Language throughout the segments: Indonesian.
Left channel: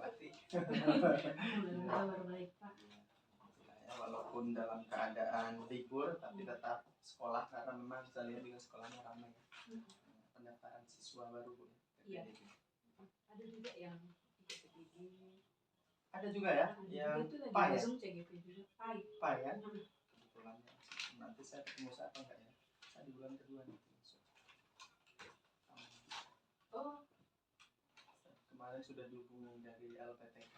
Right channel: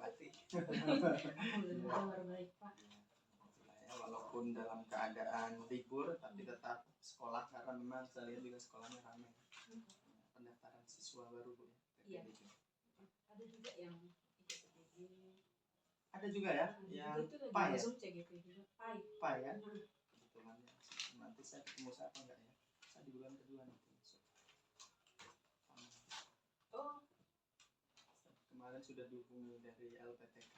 Ati. Alhamdulillah kabar baik Pak. Ya, walaupun dalam keadaan libur tapi tetap sekolah karena memang saya lihat juga sekolahnya ramai. Pendaftaran siswa baru Bu. Iya. Ada juga yang ikut CGP. Ada juga ya, yang PAI ya? CGP juga. PAI ya? Kebetulan ya. Nanti saya ketemu saya apa enggak ya? Saya di bulan kedua nih masuk. Oh. Kemarin sudah dihubungi dari LPTK.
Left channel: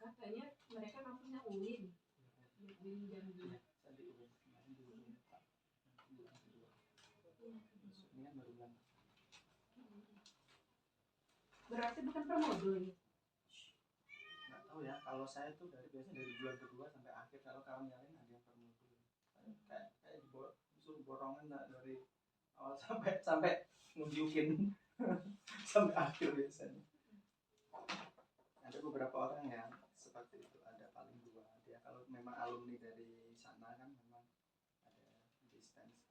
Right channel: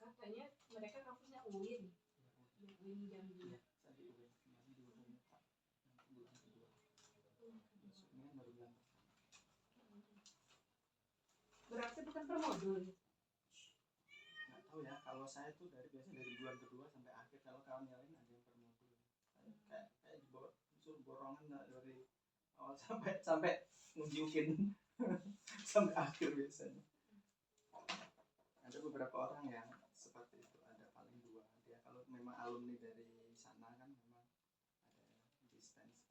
Katanya mereka kampusnya UIN. UIN Jambi. Ya, saya di UIN kemarin dihubungi Pak. Nanti bulan kedua. Masuknya baru bulan pertama. Berarti bukan per modul ya? Nggak tahu ya, kalau saya tuh biasanya dari bulan kedua sampai akhir. Kalau kawan yang lain ada yang per modul. Kayak disuruh borongan dari awal sampai ngebiukin sampai akhir biasanya. Ada beberapa orang yang seperti itu, ada paling 2. Dia kalau memang alumni dari sana kan memang ada distance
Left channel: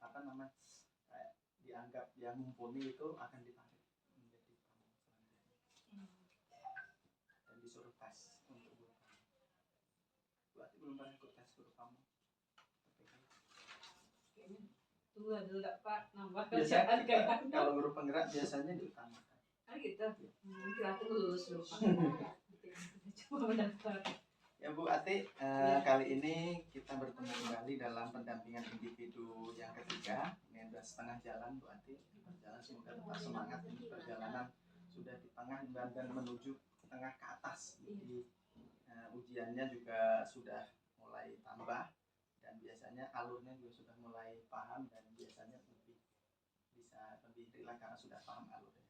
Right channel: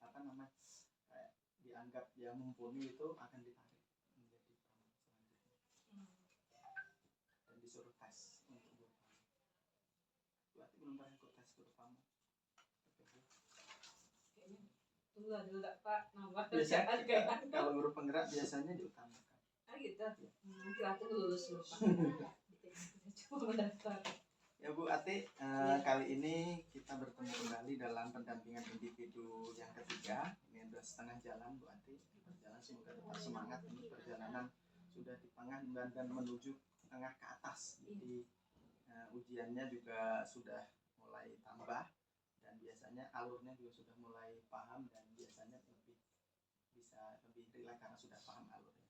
kayak dianggap yang mumpuni itu akan ditarik menjadi promo selanjutnya. Dan disuruh tes untuk guru kamu. Berarti belum pernah ikut tes guru kamu. Kayaknya tunggu dulu Pak, nambah biasanya kalau guru penggerak biasanya diutamakan. Gitu. Nanti aku lulus dulu Pak. Coba mendaftar. Ya Bu Ati, kali ini kita bertemu kembali dalam pendampingan individu yang ketiga. Ini sudah setengah jalan Bu Ati. Berjalan semoga tetap semangat. Ini perjalanan sudah di tengah dan menuju tengah ke atas. Jadi ujiannya juga sudah mulai tambah dan biasanya alurnya juga sudah mulai paham dan biasanya bisa lebih rileks karena sudah paham alurnya.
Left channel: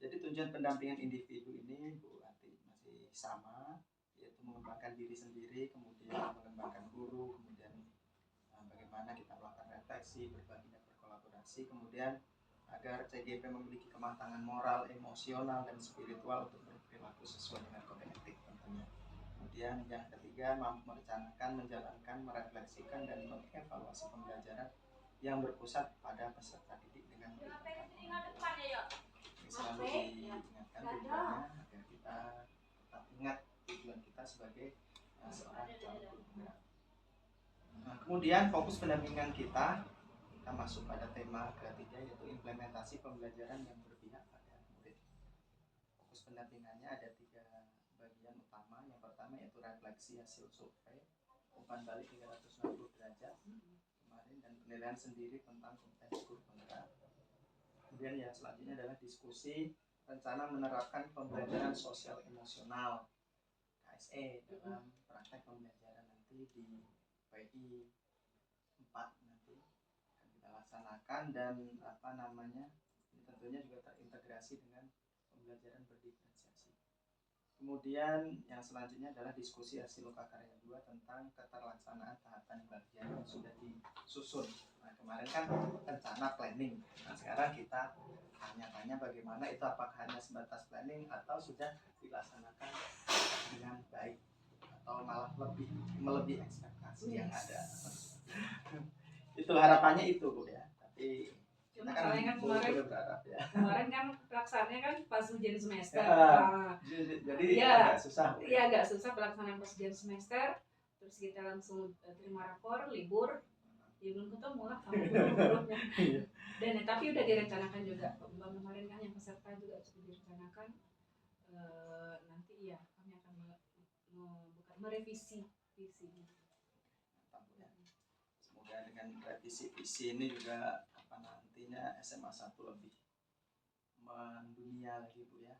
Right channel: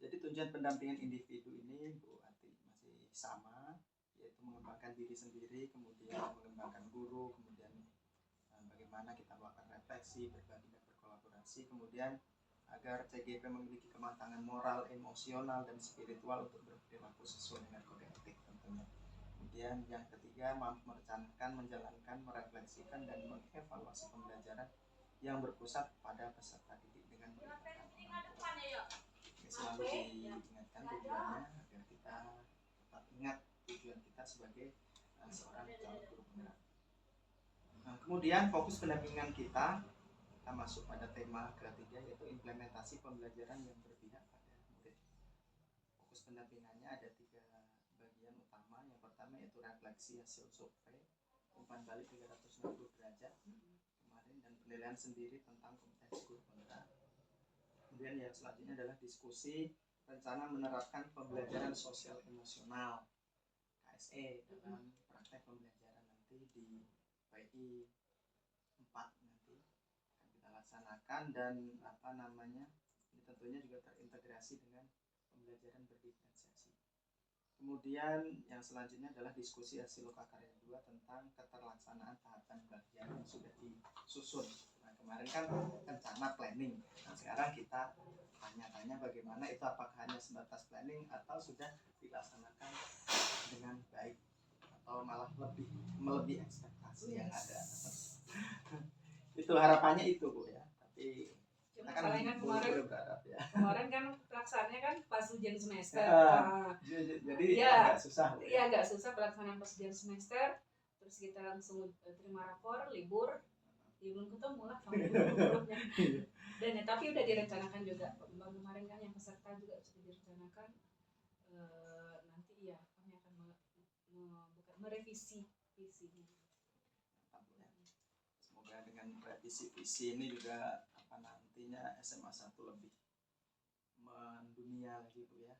Jadi tujuan pendampingan individu ini Bu Ati masih sama, yaitu mengembangkan diri sendiri, kemudian mengembangkan guru, kemudian bagaimana kita melakukan refleksi, berbagi dan berkolaborasi, kemudian agar CGP memiliki kematangan moral, emosional, dan spiritual untuk berperilaku sesuai dengan kode etik tentunya. Kemudian yang ketiga, mampu merencanakan, menjalankan, merefleksikan, dan mengevaluasi pembelajaran yang berpusat pada peserta didik dengan melibatkan orang tua. Selalu diingatkan tujuannya agar kita tetap ingat tujuan kita sebagai seorang calon guru penggerak. Kemudian fokus pendampingan kita masuk pada tema ketiga, yaitu implementasi pembelajaran yang berpihak pada murid. Fokus pendampingannya ada 3 bagian utama. Yang pertama yaitu refleksi hasil survei, umpan balik 360 derajat kemarin, dan penilaian sendiri tentang kompetensi guru penggerak. Kemudian yang selanjutnya adalah diskusi rencana menerapkan pembelajaran sosial emosional KSE dalam praktek pembelajaran nanti di PI 4 nanti akan kita laksanakan, dan ini tentunya juga terintegrasi dengan pembelajaran berdiferensiasi. Kemudian yang selanjutnya adalah diskusi hasil lokakarya 2 tentang keterlaksanaan tahapan bagian yang sudah disusun. Nah, kemarin kan rencana planning. Nah, sekarang kita tanya-tanya bagaimana itu, apakah hanya sebatas planning atau sudah dilaksanakan dengan baik atau malah melebihi ekspektasi yang ada. Itu harapannya itu Bu ya. Tapi cuma kan kemarin kan pelaksanaannya kan pas ujian semester. Jadi agak susah. Iya, agak susah pelaksanaan pas ujian semester. Terus kita langsung terima rapor, libur. Ya belum ketemu lah sama guru-gurunya. Dan tapi udah direncanakan juga. Kemarin kan yang peserta juga sudah direncanakan. Nanti ya kami akan merevisi visi. Semoga dengan revisi visi ini juga nantinya SMA 1 lebih mendunia lagi Bu ya.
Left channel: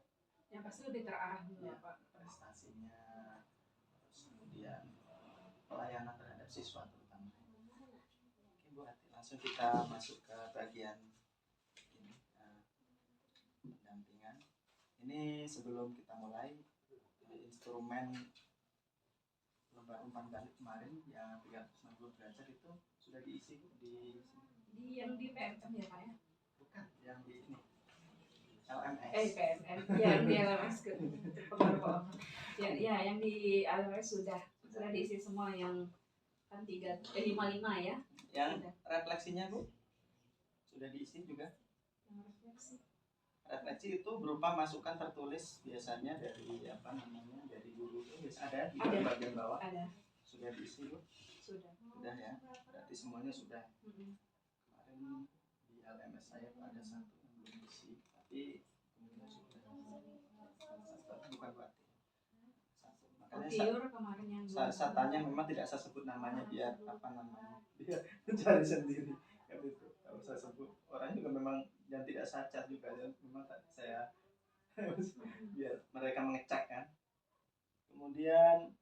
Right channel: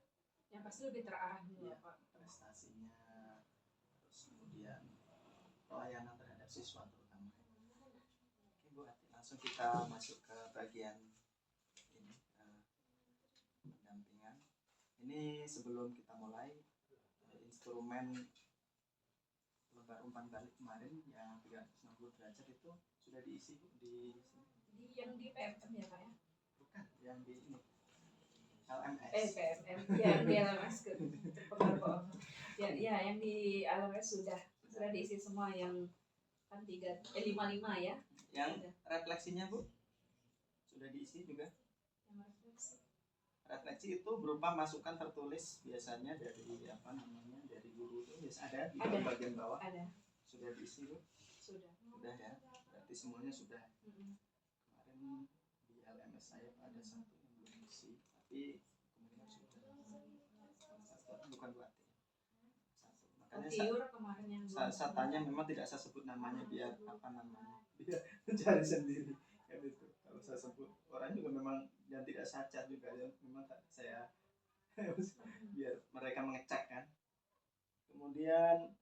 Yang pasti lebih terarah juga ya, Pak. Prestasinya, terus kemudian pelayanan terhadap siswa terutama. Oke Bu Ati, langsung kita masuk ke bagian ini pendampingan. Ini sebelum kita mulai, instrumen lembar umpan balik kemarin yang 360 derajat itu sudah diisi Bu di yang di PMM ya Pak ya? Bukan, yang di ini LMS. PMM, yang di LMS terpengaruh. Ya, yang di LMS sudah diisi semua, yang kan 55 ya. Yang refleksinya Bu sudah diisi juga? Yang refleksi Refleksi itu berupa masukan tertulis biasanya dari dari guru itu ada di Ada. bagian bawah. Ada. Sudah diisi Bu? Sudah ya. Berarti semuanya sudah. Kemarin di LMS saya ada satu yang belum diisi, tapi kemungkinan sudah. Tapi bukan berarti. Makanya kemarin yang saya tanya memang tidak saya sebut namanya biar biar mencari sendiri kan itu. Kalau saya sebut orangnya juga memang yang tidak saya cat juga ya, memang saya biar mereka mengecek kan. Kemudian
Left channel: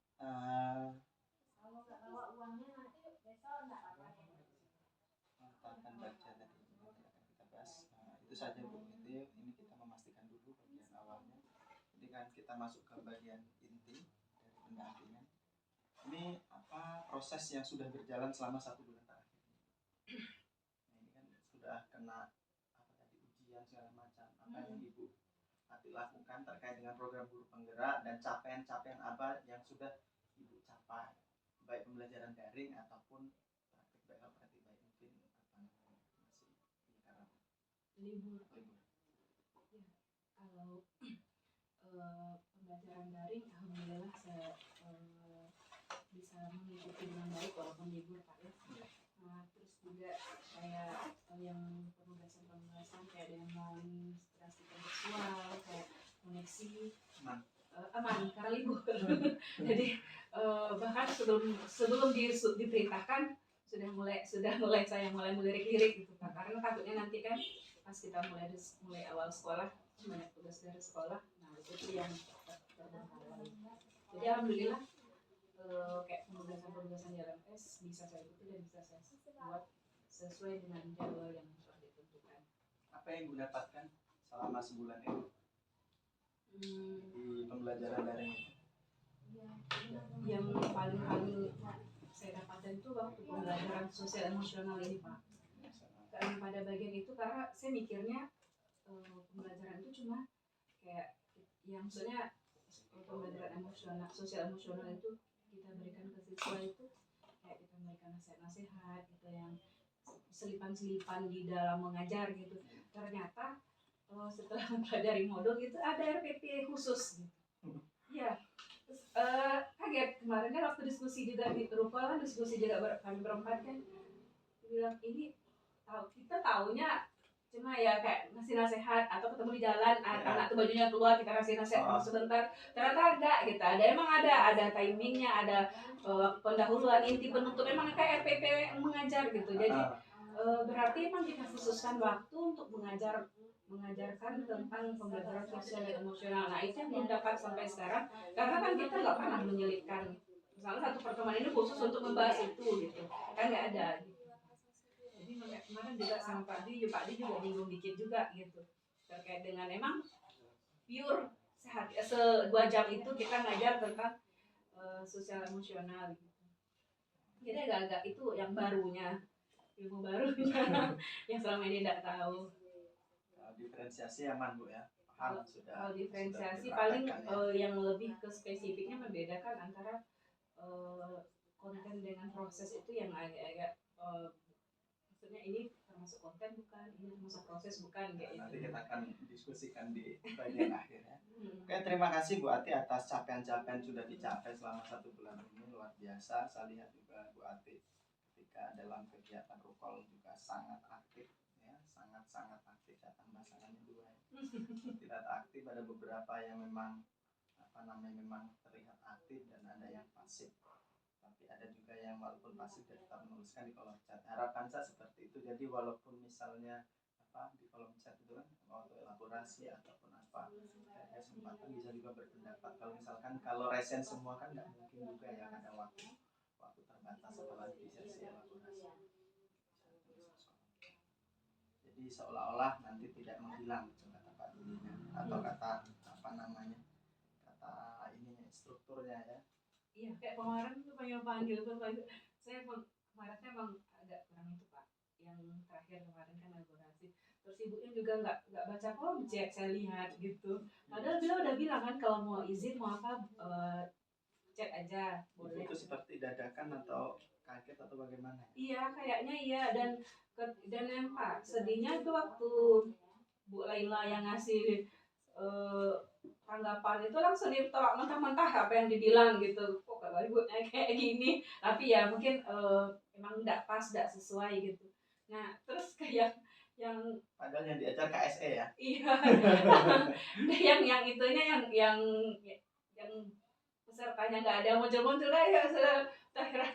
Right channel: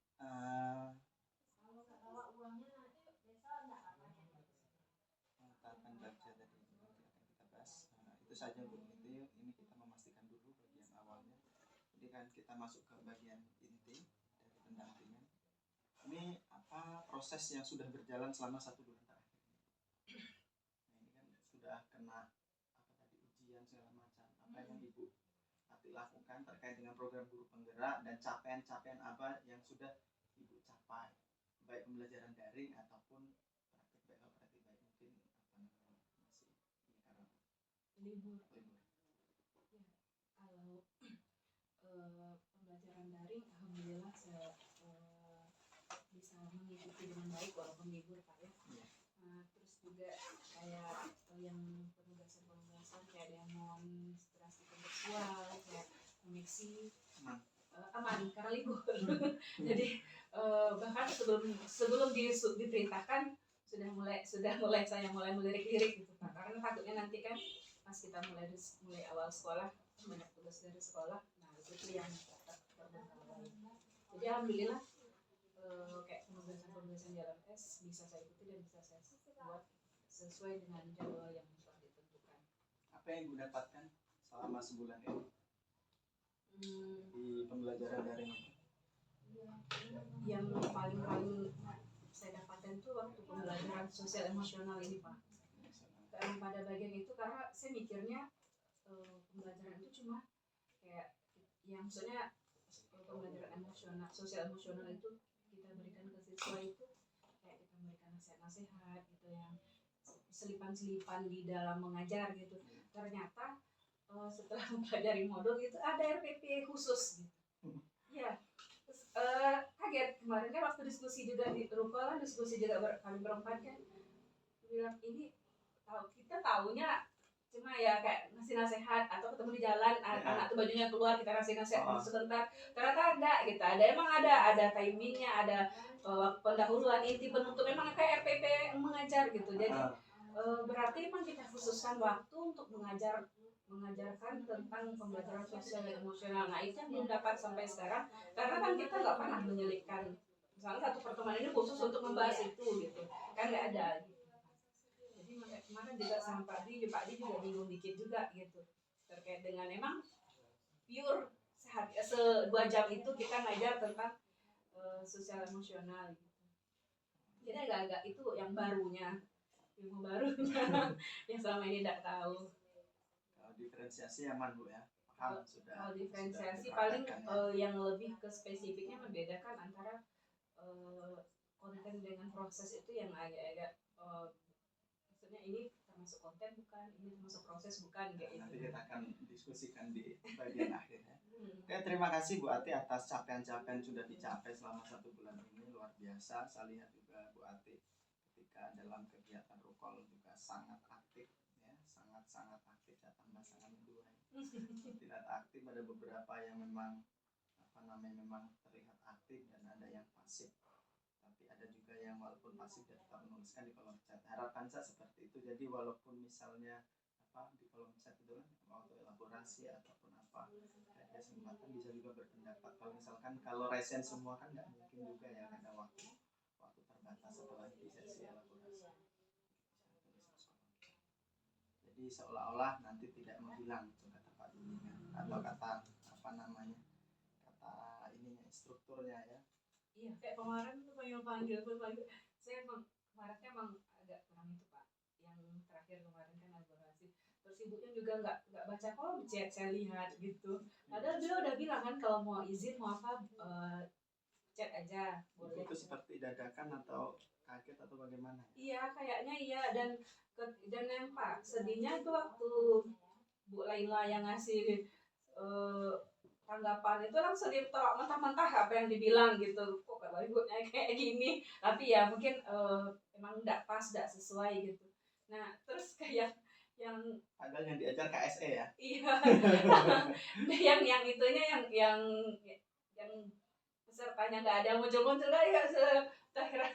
akan baca tadi yang akan kita bahas. Itu saja Bu. Ini kita memastikan dulu bagian awalnya. Jadi kan kita masuk ke bagian inti dari pendampingan. Ini proses yang sudah berjalan selama 1 bulan terakhir. Nah, ini kan sudah kena ujian segala macam. Apa yang Ibu Ati lakukan terkait dengan program guru penggerak dan capaian-capaian apa yang sudah Ibu capai, baik pembelajaran daring ataupun praktik baik mungkin masih karena libur. Ya, kalau pembelajaran daring alhamdulillah saya bisa mengikuti dengan baik walaupun libur Pak ya. Nah, terus juga kayak yang penugasan kayak demonstrasi kontekstual, kayak koneksi aman karena libur. Jadi bahkan sebelum diperintahkan sudah mulai saya melirik-lirik gitu Pak, karena takutnya nanti kan pas kita mulai awal sekolah banyak tugas dari sekolah, nah itu yang terbengkalai. Jadi alhamdulillah kayak penugasan di LMS bisa saya ikuti dan bisa saya buat sesuai dengan jadwal yang sudah ditentukan. Apa yang Ibu dapatkan selama sebulan ini di pembelajaran daring itu? Yang paling saya dapatkan itu waktu pembelajaran sosial emosional ini Pak. Karena pada bagian itu karena saya mikirnya pembelajaran itu cuma kayak yang maksudnya pembelajaran emosional, sosial emosional itu kita berikan ke siswa itu kayak kita memberikan nasihat-nasihat gitu yang selipan-selipan di dalam mengajar gitu. Ternyata setelah mempelajari modul itu ada RPP khusus gitu. Ya, terus kaget kemarin kan waktu diskusi juga di Rukol, diskusi juga kami berempat kan bilang ini kita taunya cuma ya kayak ngasih nasihat atau ketemu di jalan anak tuh bajunya keluar kita kasih nasihat sebentar, ternyata enggak gitu, emang ada timingnya, ada pendahuluan, inti, penutup, memang kayak RPP mengajar gitu. Jadi berarti emang kita khususkan waktu untuk mengajarkan tentang pembelajaran sosial dan emosional. Nah itu yang belum dapat sampai sekarang karena kan kita nggak pernah menyelipkan misalnya satu pertemuan ini khusus untuk membahas itu gitu kan, nggak ada gitu. Jadi kemarin juga sama Pak Di juga bingung dikit juga gitu terkait dengan emang pure 2 jam itu kita ngajar tentang sosial emosional gitu. Jadi agak-agak itu yang barunya, ilmu barunya yang selama ini tidak tahu. Diferensiasi aman Bu ya. Paham sudah. Kalau diferensiasi paling yang lebih ke spesifiknya membedakan antara konten dengan proses itu yang agak-agak maksudnya ini termasuk konten bukan, ini termasuk proses bukan kayak nanti kita akan diskusikan di bagian akhir ya. Oke, terima kasih Bu Ati atas capaian-capaian sudah dicapai selama 1 bulan ini, luar biasa. Saya lihat juga Bu Ati ketika dalam kegiatan Rukol juga sangat aktif ya, sangat aktif. Saya tambah sangatnya 2 ya. Tidak aktif, ada beberapa yang memang memang terlihat aktif dan ada yang pasif. Tapi ada juga yang walaupun pasif dia tetap menuliskan di kolom chat. Harapan saya seperti itu. Jadi walaupun misalnya di kolom chat itu kan mau elaborasi ataupun apa, ada kesempatan bisa juga berpendapat. Kalau misalkan kalau resen semua kan nggak mungkin juga ya, ada waktu terbatas apalagi di sesi elaborasi. Jadi seolah-olah nanti tidak menghilang kata Pak Dini atau kata kata ininya strukturnya ya. Iya, kayak kemarin tuh panggil saya kemarin emang agak kurang itu Pak. Yang terakhir kemarin kan elaborasi. Terus ibunya juga nggak baca kolom chat, saya lihat gitu. Padahal beliau udah bilang kan kalau mau izin mau apa chat aja. Boleh. Itu seperti dadakan atau kaget atau bagaimana? Iya, kayaknya iya dan yang Pak sedihnya itu waktu Bu Laila yang ngasih tanggapan itu langsung ditolak mentah-mentah apa yang dibilang gitu, kok kalau ibunya kayak gini, tapi ya mungkin emang nggak pas, nggak sesuai gitu. Nah terus kayak yang Padahal yang diajar KSE ya. iya yang itunya yang pesertanya nggak ada muncul-muncul lah ya sudah,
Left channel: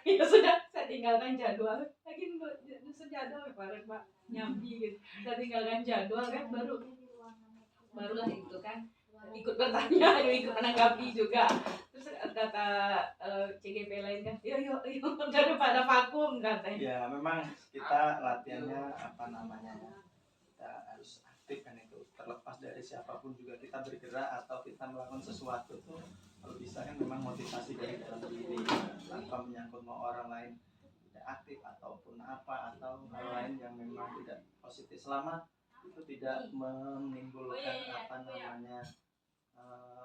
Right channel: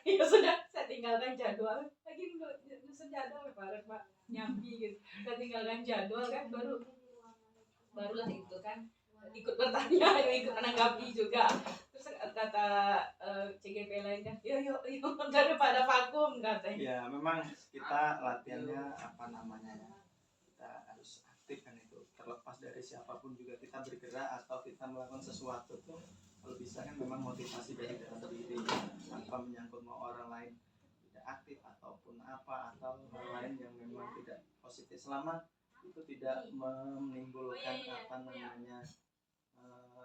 ya sudah saya tinggalkan jadwal lagi nyusun jadwal kemarin Pak nyambi gitu, saya tinggalkan jadwal kan barulah itu kan ikut bertanya ikut menanggapi juga. Terus kata CGP lain kan yuk daripada vakum katanya. Ya memang kita latihannya apa namanya ya, kita harus aktif kan, itu terlepas dari siapapun juga kita bergerak atau kita melakukan sesuatu tuh kalau bisa kan memang motivasi dari dalam diri, tanpa menyangkut mau orang lain tidak aktif ataupun apa atau hal lain yang memang tidak positif, selama itu tidak menimbulkan apa namanya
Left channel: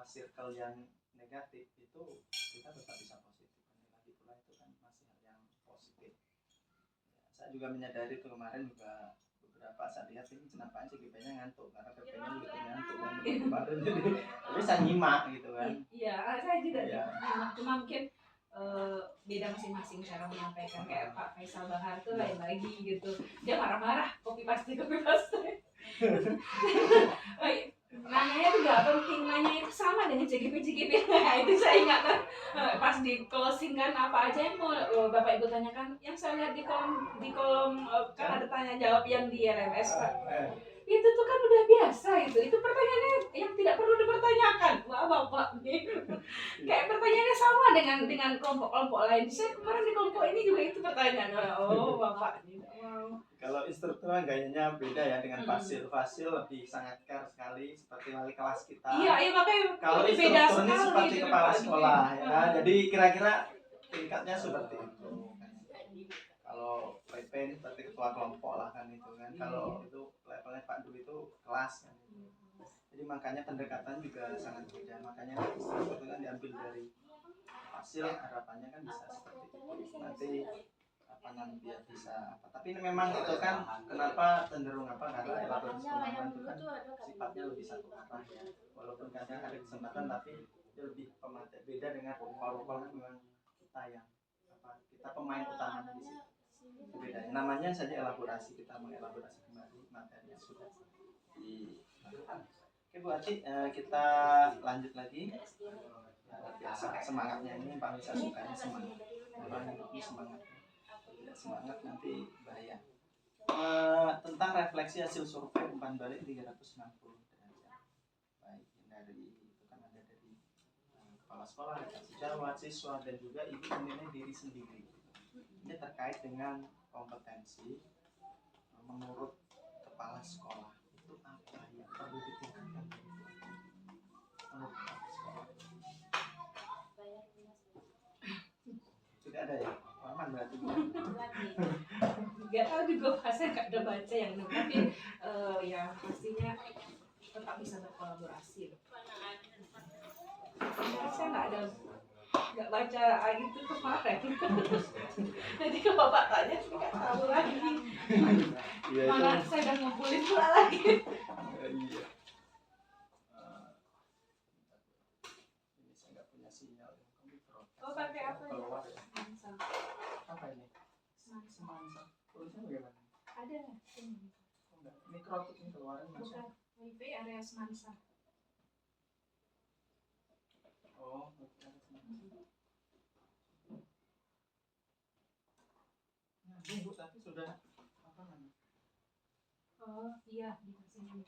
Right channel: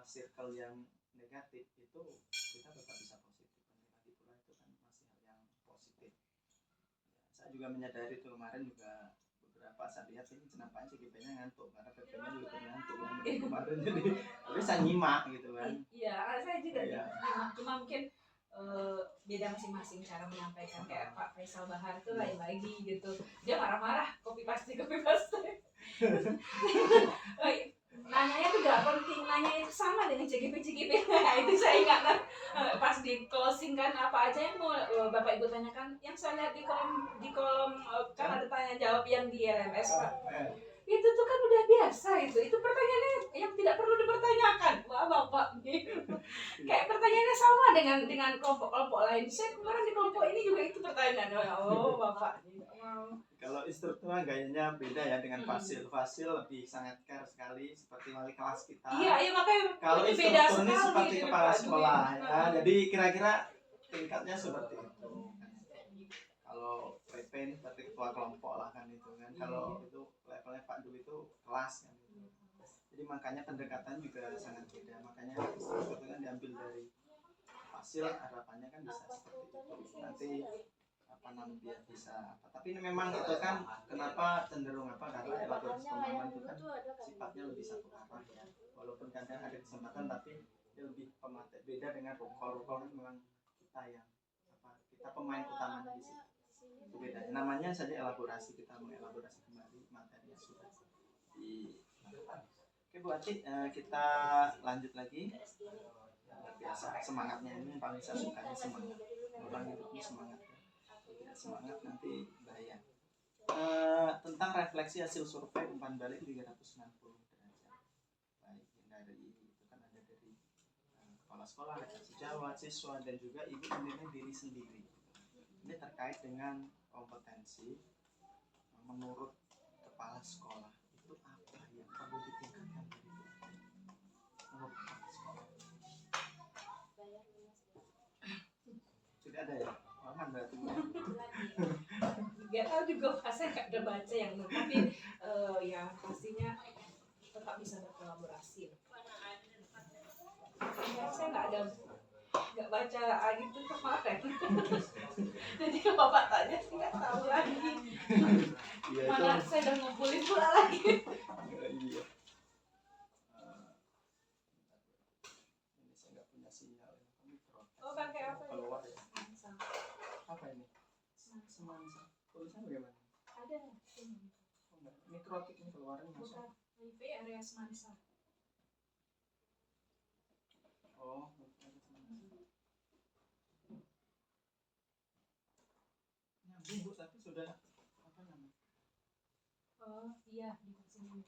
circle yang negatif, itu kita tetap bisa positif. Lagi pula itu kan masih hal yang positif. Ya, saya juga menyadari itu kemarin juga beberapa saya lihat ini kenapa CGP-nya ngantuk karena PP-nya juga ikut ngantuk kan kemarin, jadi saya nyimak gitu kan. Iya, saya juga Iya. nyimak, cuma mungkin beda masing-masing cara menyampaikan. Kayak Pak Faisal Bahar tuh lain lagi gitu, dia marah-marah copy paste nanyanya tuh gak penting, nanya itu sama dengan CGP. Nah itu saya ingat kan pas di closing kan apa aja yang mau Bapak Ibu tanyakan, yang saya lihat di kolom kan ada tanya jawab yang di LMS Pak, itu tuh kan udah biasa, itu pertanyaannya yang tidak perlu dipertanyakan. Wah Bapak gitu. Kayak pertanyaannya sama dengan kelompok-kelompok lain. Saya kemarin di kelompok ini juga itu pertanyaan. Oh Bapak gitu. Wow. Kalau instruktur gayanya beda ya dengan Fasil. Fasil lebih sangat care sekali seperti wali kelas kita. Iya makanya. Kalau instruktur ini seperti kepala sekolah ya. Jadi kira-kira tingkatnya seperti itu. Kalau PP ini seperti ketua kelompok lah kan itu kan. Kalau itu levelnya Pak Dwi itu kelas kan. Jadi makanya pendekatan juga sangat beda. Makanya instruktur itu kan diambil dari Fasil, harapannya kan bisa seperti itu. Nanti apa namanya biar bisa apa, tapi memang itu kan kenapa cenderung apa, karena elaborasi pemahaman itu kan sifatnya lebih satu arah ya, walaupun kadang ada kesempatan tapi dia lebih pemateri, beda dengan rokok kan memang kita yang apa, kita pemain utamanya di situ, itu bedanya, namanya saja elaborasi, kita mengelaborasi kembali materi yang sudah dilakukan. Oke Bu Ati, kita lanjut lagi. Biasa semangatnya ini yang paling saya sukanya, semangat orang hidup ini semangat, semangat nanti bahaya. Tentang refleksi hasil survei umpan balik 360 derajat. Baik, dari itu kan ada dari kepala sekolah, redaksi Jawa, siswa dan juga ibu menilai diri sendiri. Ini terkait dengan kompetensi menurut kepala sekolah itu apa yang perlu ditingkatkan menurut kepala sekolah. Sudah ada ya? Aman berarti. Gak tahu juga, saya gak udah baca yang itu, tapi ya pastinya tetap bisa berkolaborasi. Saya nggak baca itu kemarin. Jadi kalau Bapak tanya sih nggak tahu lagi. Mana saya udah ngumpulin pula lagi. Iya. Ini saya nggak punya sinyal. Oh pakai apa ya? Keluar ya. Semansa. Apa ini? Semansa. Tulisannya bagaimana? Ada. Oh, enggak. Mikrotik ini keluaran masuk. Bukan. Wifi area Semansa. Oh, area Semansa. Nyambung Bu, tapi sudah apa namanya? Oh iya di sini.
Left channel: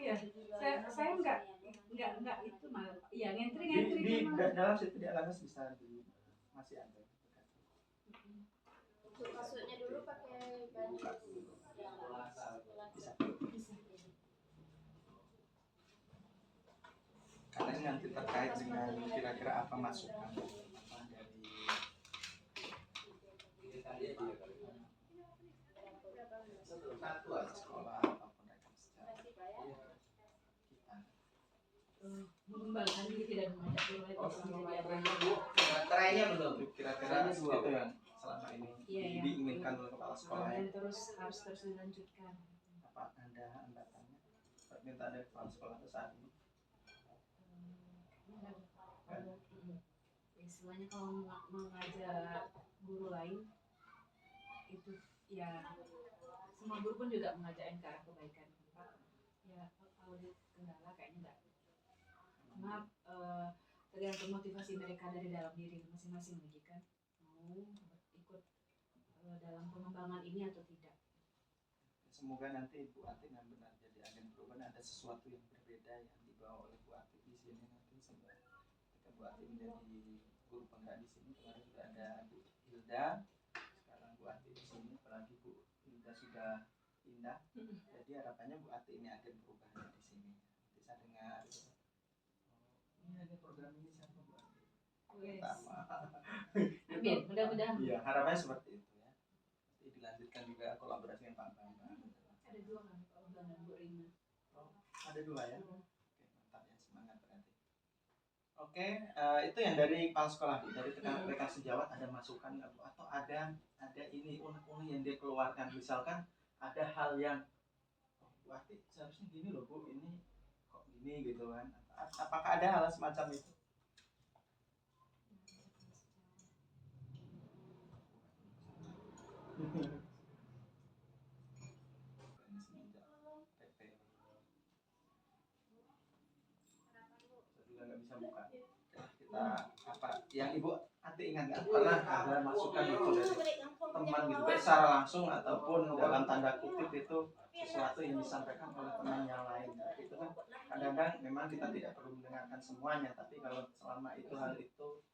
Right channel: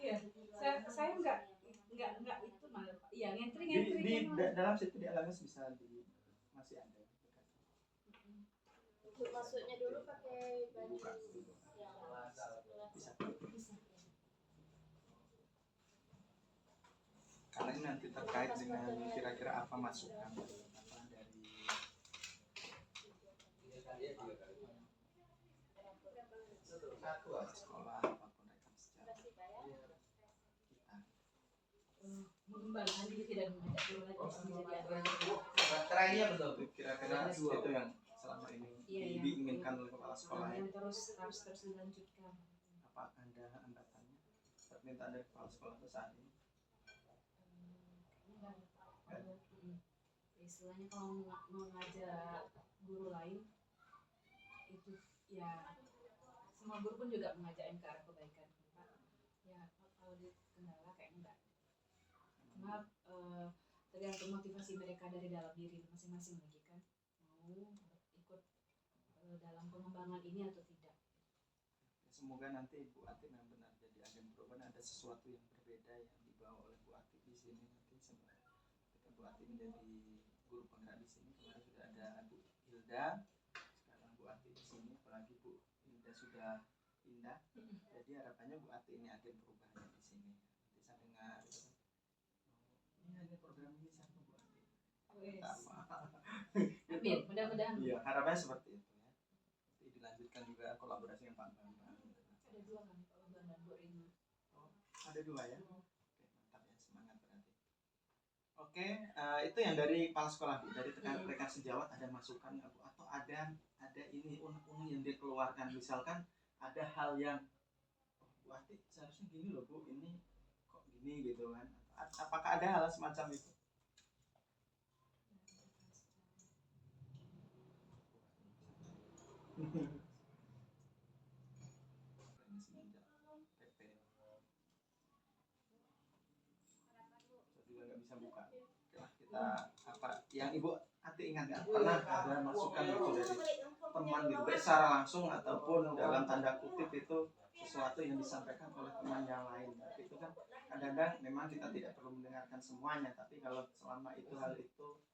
Iya, saya nggak itu malah Pak. Iya ngentri Di dalam situ di LMS bisa di masih ada. Untuk masuknya dulu pakai Buka dulu. Bisa. Karena ini nanti terkait dengan kira-kira apa masukan apa dari mengembangkan diri dan mengajak guru lain untuk menjadi agen. Baterainya belum. Kira-kira itu yang selama ini Iya, yang diinginkan oleh kepala sekolah ya. dan harus terus dilanjutkan. Apa ada hambatannya permintaan dari kepala sekolah itu saat ini? Istilahnya kalau mengajak guru lain itu ya semua guru pun juga mengajak ke arah kebaikan. Ya kalau di kendala kayaknya enggak. Karena tergantung motivasi mereka dari dalam diri masing-masing lagi kan mau ikut dalam pengembangan ini atau tidak. Semoga nanti Bu Ati benar-benar jadi agen perubahan, ada sesuatu yang berbeda yang dibawa oleh Bu Ati di sini nanti ketika Bu Ati menjadi guru penggerak di sini. Kemarin sudah ada Bu Hilda, sekarang Bu Ati di sini, apalagi Bu Hilda sudah pindah. Jadi harapannya Bu Ati ini agen perubahan di sini. Bisa dengar gitu. Ini ada program ini siapa Bu Ati? Pertama. Amin, mudah-mudahan. Iya, harapannya seperti itu ya. Nanti dilanjutkan juga kolaborasi dengan Pak Bambang. Ada dua kan, Pak Bambang dan Bu Rina. Oh, ada dua ya. Oke, mantap ya, semangat berarti. Oke, itu yang dari kepala sekolah Bu. Dari rekan sejawat ada masukan nggak Bu? Atau ada ini unek-unek yang dia keluarkan, misalkan ada hal yang Bu Ati seharusnya gini loh Bu, ini kok gini gitu kan? Apakah ada hal semacam itu? Saya juga nggak bisa buka. Kita apa yang Ibu Ati ingat nggak pernah ada masukan gitu dari teman gitu, baik secara langsung ataupun dalam tanda kutip itu sesuatu yang disampaikan oleh teman yang lain. Tapi itu kan kadang-kadang memang kita tidak perlu mendengarkan semuanya, tapi kalau selama itu hal itu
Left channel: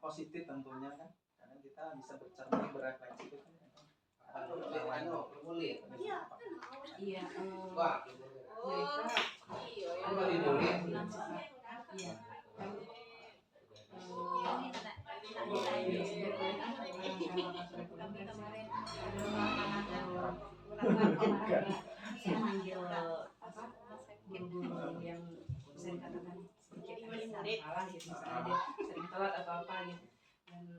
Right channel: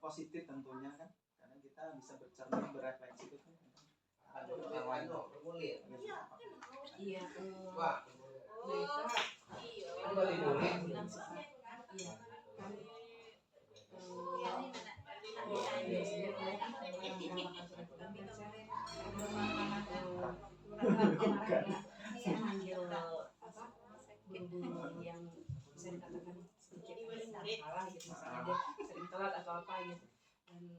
positif tentunya kan kadang kita bisa bercermin berefleksi itu kan ada orang lain. Iya, mereka bilang sifat iya kan saya manggil apa guru-guru yang bisa dikatakan sedikit salah gitu, misalnya dia sering telat atau apa gitu, dan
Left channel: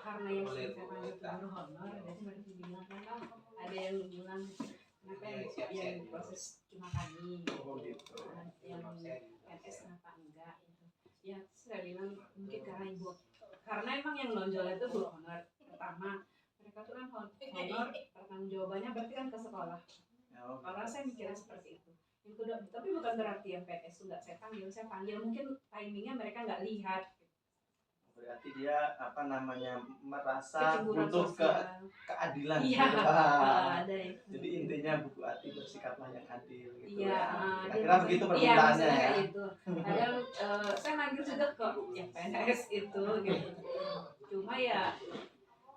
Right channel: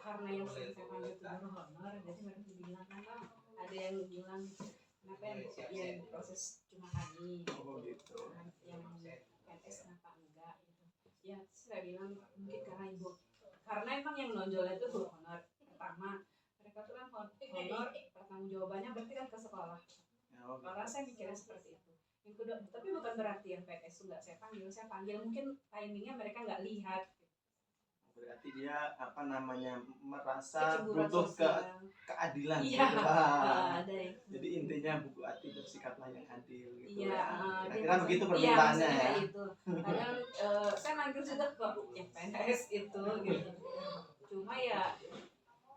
karena yang sering saya panggil itu guru honor, jadi mereka bilang kan ada yang bilang kenapa yang proses cuma kami yang PNS kenapa enggak gitu ya. Saya bilang mungkin karena ibu, karena emang yang nonjol itu guru honor pertama, mereka tuh kan honor pertanggung jawabannya berarti kan ke sekolah. Kalau saya mikirnya seperti itu. Yang kedua, tapi bukan berarti yang PNS itu nggak saya panggil mungkin timingnya mereka nggak lihat. Berarti dia apa namanya merasa butuh keadilan. Iya, gitu. ada itu. Jadi intinya Bu Ati bersikaplah yang adil gitu Iya, ya. Kira-kira begitu permintaannya ya. Itu. Padahal saya manggil juga kok yang PNS itu gitu. Cuma ya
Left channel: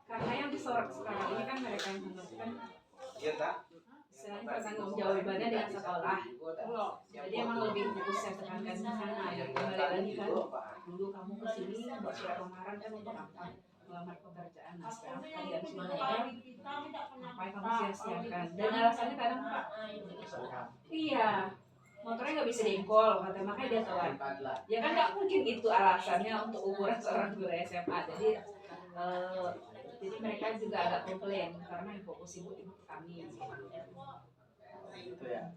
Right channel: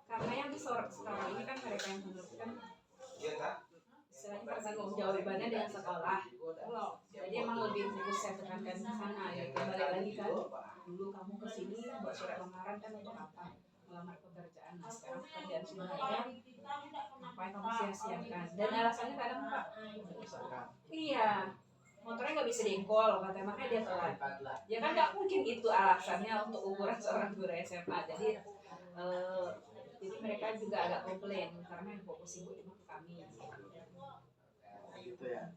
karena yang disorot sekarang ini kan mereka yang menentukan. Iya tak? Istilahnya pertanggung jawabannya dengan sekolah. Jadi emang lebih fokus saya tekankan di sana ya. Kembali lagi kan, dulu kamu kesini buat surat lamaran kan untuk apa? Melamar pekerjaan. Nah sekarang pekerjaan sudah ada, ngapain kamu sia-siakan? Dan alasannya kadang Pak, iya, motornya nggak bisa diengkol, kata makanya dia telat. Ya kan nggak mungkin itu alasannya untuk ukuran seorang guru SMA. Jadi mereka juga agak komplain karena yang fokus ibu ke kami. Gitu ya.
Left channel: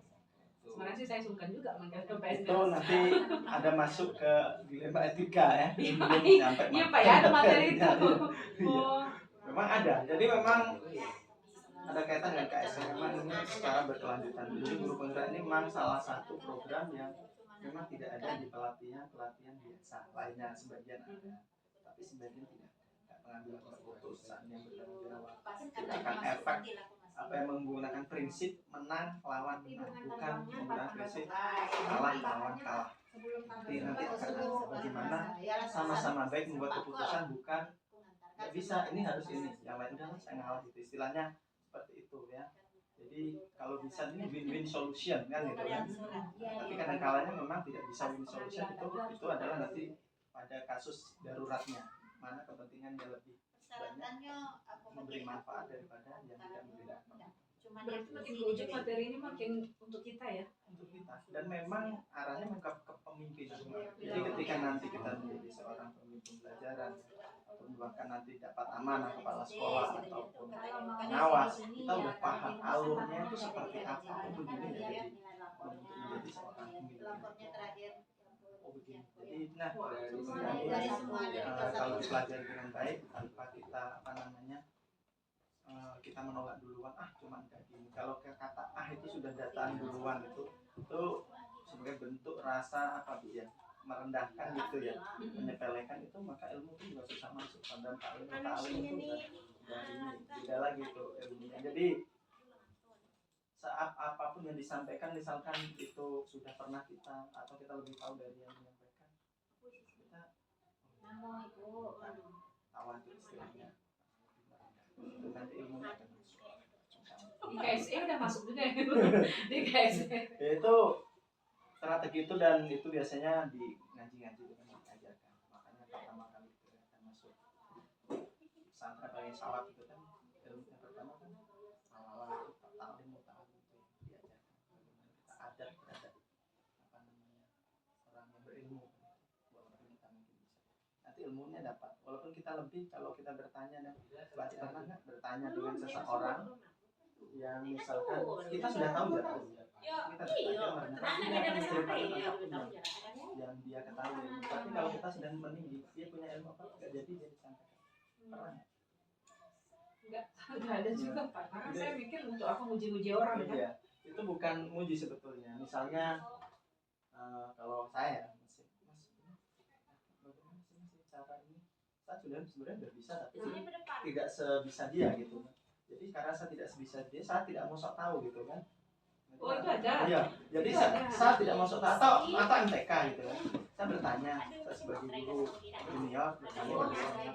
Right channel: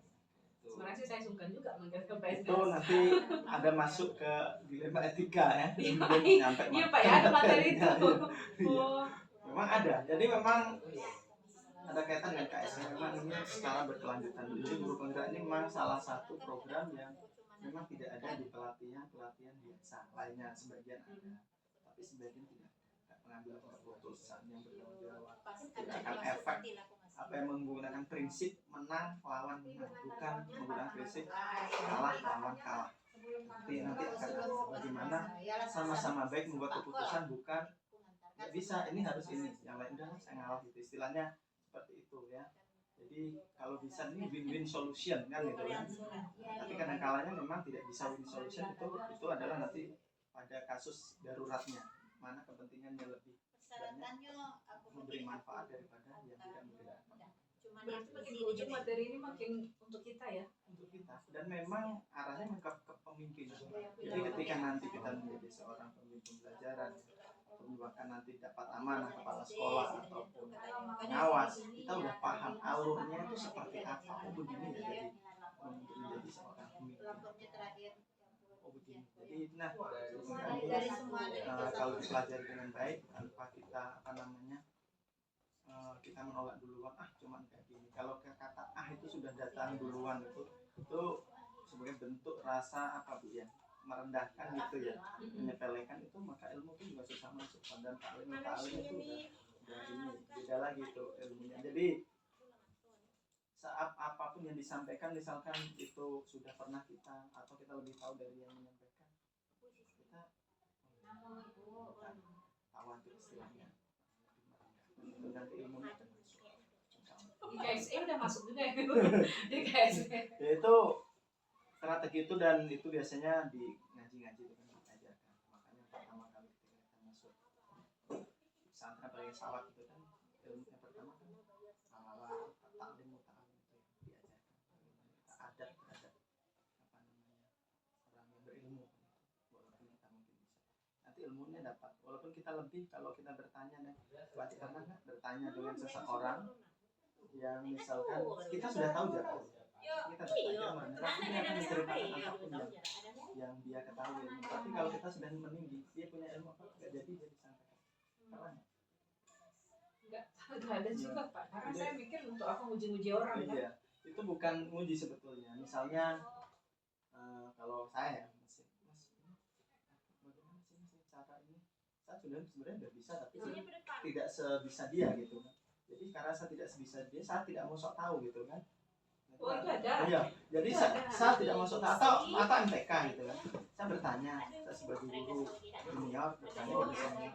Sebenarnya sih saya sungkan juga manggil ke PNS. Itu nanti ada masuk ke dilema etika ya. Iya Pak ya, ada materi itu. Oh. Memang ada. Jadi memang ada kaitan dengan KSM, memang ini secara berkelanjutan. Jadi guru penggerak ini memang salah satu program yang memang tidak ada di pelatihan biasa lainnya, sebagian ada, tapi sebagian tidak. Pengambilan keputusan yang bertanggung jawab, tidak akan efek apa yang menggunakan prinsip menang lawan menang, bukan menggunakan prinsip kalah lawan kalah. Nanti akan ada bagaimana sama-sama baik membuat keputusan, bukan nggak bisa ini harus ini, yang lain udah saya ngalah gitu, istilahnya seperti itu ya. Jadi kalau bisa ini win-win solution kan gitu kan. Tapi kadang kalanya memang tidak bisa win solution, itu adalah nanti pada kasus daruratnya, mana kepentingannya lebih banyak memberi manfaat daripada yang tidak memberi manfaat. Berarti makin ke ujung materi ini makin untuk kita ya. untuk kita, dan memang arahnya ke kepemimpinan. Jadi ketika nanti kita menjadi seorang pemimpin pembelajaran ataupun bahkan nanti dapat amanah kepala sekolah ataupun pengawas, kita udah paham alurnya itu seperti apa. Oh begini ya, jadi untuk menjadi seorang pemimpin. Oh begini. Jadi nah sebenarnya kalau dipelajari dengan baik tanpa kita kita menolak duluan, cuman kayak gini. Kalau kata itu sudah datang duluan, itu sebagai bentuk rasa apa Bu ya, merendahkan gitu ya, menyepelekan itu, maka ilmu itu juga susah masuk. Padahal ta'lim itu udah ini beda lagi itu ilmunya. Jadi saat apapun yang disampaikan, misalkan itu sudah pernah kita atau kita lebih tahu dari yang menyampaikan, kita tawan itu istilahnya, itu nanti ilmunya akan masuk. Di KSE udah masuk juga ya. Di KSE. Ya, itu strategi itu, dan itu biasanya di ngaji-ngaji itu kan diajarkan. Makanya pertama kali kita akan masuk pesantren paling sawat itu kan ilmu yang pertama kan awal-awal ta'lim itu diajarkan bagaimana kita adab terhadap orang yang berilmu, walaupun kita mungkin bisa nanti ilmunya dapat, walaupun kita lebih. Kalau kita bertanya, dan pernah nggak bertanya dengan seseorang yang misalkan kita sudah tahu jarak, kita bertanya mereka, tapi dia akan menceritakan apapun yang dia ketahui. Tapi kalau kita sedang meninggi, dia punya ilmu apa, nggak jadi dia disampaikan. Pernah Nggak ada juga Pak, karena saya mikir untuk apa nguji-nguji orang kan. Iya, itu bukan nguji sebetulnya. Misalnya kalau saya bagaimana sih cara ini, saya sudah sebenarnya udah bisa, tapi tidak sebisa dia gitu kan. Jadi karena saya tidak sebisa dia, saya tidak mau sok tahu gitu kan. Oh itu ada. Iya, jadi saya tidak mau sok tahu, atau MTK gitu kan. Saya bertanya, saya sebagai guru junior bertanya pada senior,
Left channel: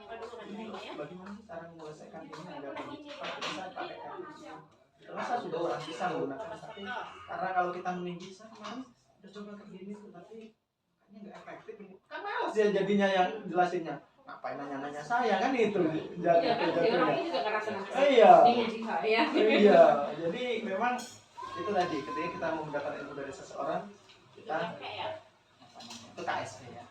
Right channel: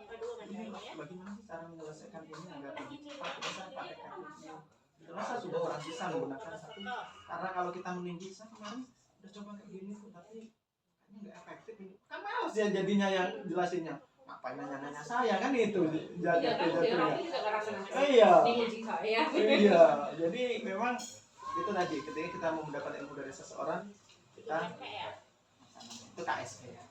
ini bagaimana sih cara menyelesaikan ini agar lebih cepat? Terus saya pakai ini. Terus saya sudah pernah bisa menggunakan, tapi karena kalau kita meninggi, saya kemarin udah coba kayak gini tuh, tapi kayaknya nggak efektif ini. Kan males ya jadinya yang jelasinnya. Ngapain nanya-nanya saya kan itu Iya kan, orangnya juga ngerasa-ngerasa. Iya. Diuji saya. Iya, jadi memang itu tadi, ketika kita mau mendapat ilmu dari seseorang, kita itu KSP ya.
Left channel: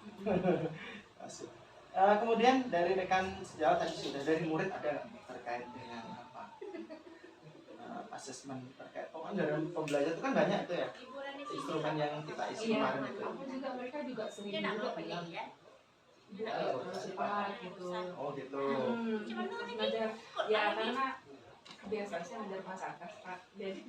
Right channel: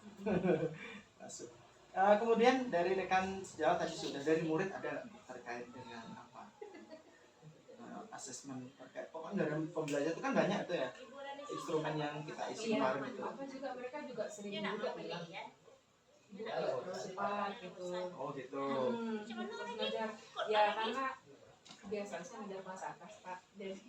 Masuk. Kemudian dari rekan sejawat tadi sudah, dari murid ada terkait dengan apa? Asesmen terkait, pokoknya dari pembelajaran itu kan banyak itu ya, instrumen yang kita isi kemarin itu. Apa juga mereka juga sering juga bilang terlalu cepat gitu. Oh gitu. Terus ngajar ya, karena kebiasaan saya ngajar kelas atas Pak. Jadi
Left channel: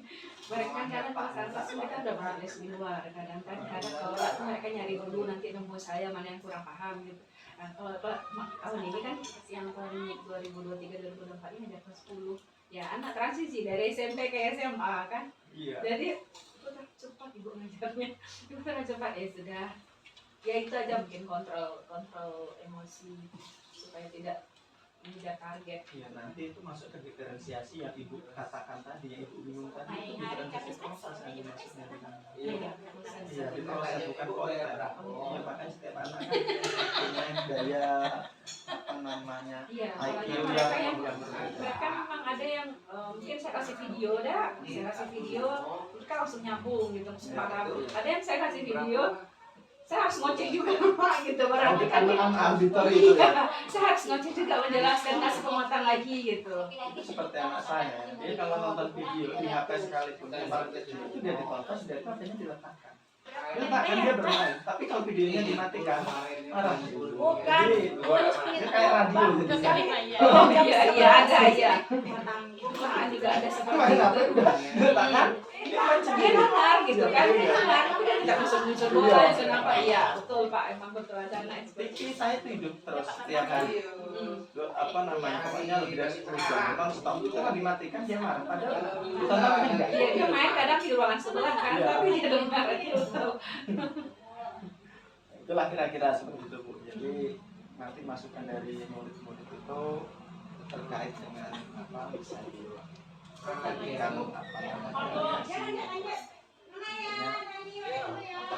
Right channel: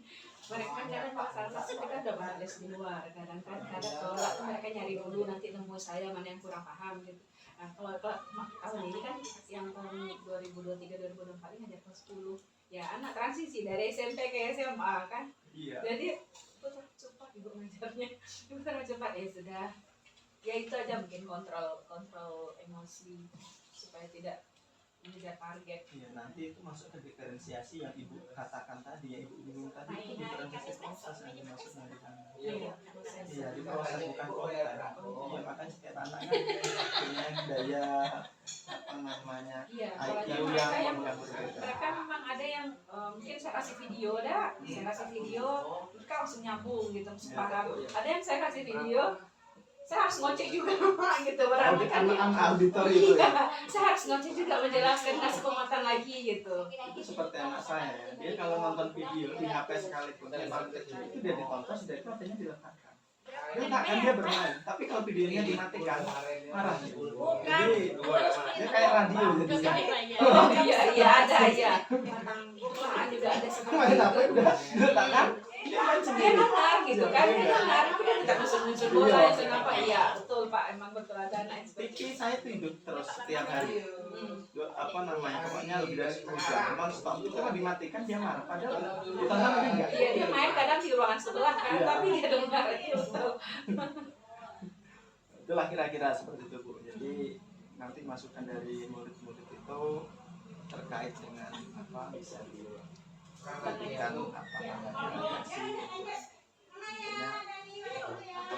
mereka kadang kelas atas mereka udah pernah les di luar, kadang-kadang sekolah tuh mereka nyari dulu, nanti nemu saya mana yang kurang paham gitu. Nah, kalau tahun ini kan yang tahun 2023-2024 ini ngajar kelas 10 ya, anak transisi dari SMP ke SMA kan. Iya. Jadi cepat ibu ngajarnya, gimana cepat ya sudah. Ya itu aja, mungkin kontrol emosi supaya tidak mengejar target. Iya, nanti itu masuk ke diferensiasi yang ibu katakan tadi, yang ibu bingung tadi, itu diferensiasi proses yang dimaksudnya di sana. Iya, Iya, di proses bukan konten. Iya, makanya setiap anak kan punya daya apa namanya, iya, IQ mereka yang berbeda. mereka memang ada yang mungkin saya kasih video saya kasih video mereka langsung nyambung gitu, langsung paham. Ada yang saya kasih video saya harus ngoceh juga Pak gitu, berarti kan auditor itu ya. saya harus ngoceh juga menjelaskan, kasih penguatan lagi gitu. Itu seperti anak saya, dia kalau nonton video di HP sekalipun yang paling kecil itu dia ditonton, sudah itu HP-nya diletakkan. Dia bermain, tapi kalau videonya dimatikan marah. Jadi dia kayak radio jadinya. Oh iya ada ya. Pernah juga ada seperti itu. Diletakkan, dia main Dia sendiri. dengar gitu kan, dia dengar, udah tidak nyusun bola, kenapa? Iya betul Pak, emang betul ada anak TV seperti itu. saya itu hidup terus setiap hari. Apa namanya, pokoknya lebih dari 10 jam non-stop, itu kan dimatikan dia marah, padahal ditontonnya enggak. Iya, dia main kadang di ruangan sebelah kan, Iya. tapi dia dengar itu. Itulah kira-kira seperti itu Bu. Jadi nanti masukan dari murid-murid itu terkait dengan apa bisa dijadikan apa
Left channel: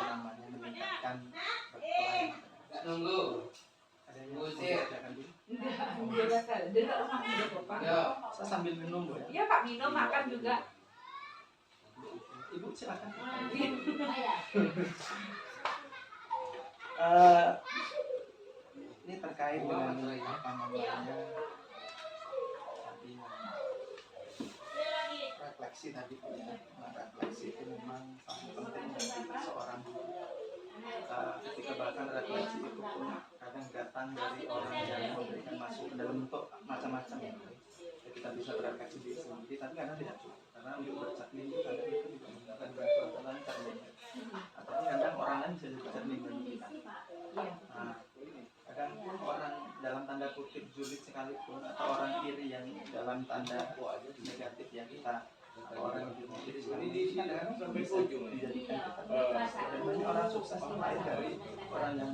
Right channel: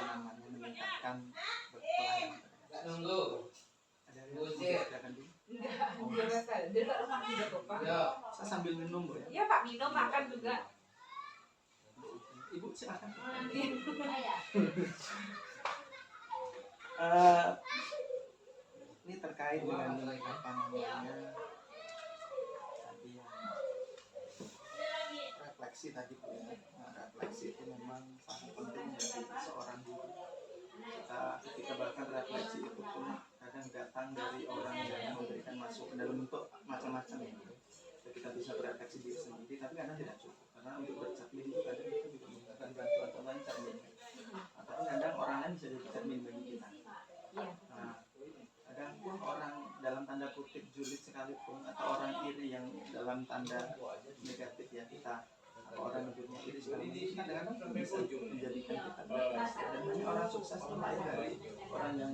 namanya meningkatkan pelayanan. Nunggu. Ada yang mau dikerjakan dulu? Enggak, dia biasa, dia tak makan juga kok Pak. Saya sambil minum Bu ya. Iya Pak, minum makan juga. silakan. Iya. Ini terkait dengan apa namanya tadi yang refleksi tadi Bu ya. Refleksi itu memang sangat penting bagi seorang guru. Kita ketika bahkan refleksi itu pun kadang datang dari orang yang memberikan masukan dalam bentuk macam-macam ya. Kita bisa berefleksi diri sendiri, tapi kadang tidak cukup karena untuk bercermin itu kadang kita juga membutuhkan bantuan contohnya cermin ataupun kadang orang lain bisa jadi cermin bagi kita. Nah, kadang pun orang dalam tanda kutip julid sekalipun atau orang iri yang dalam tanda negatif ya kita atau orang yang iri sekalipun itu kadang-kadang bisa menjadikan kita berefleksi. Dan banyak orang sukses itu lahir dari orang yang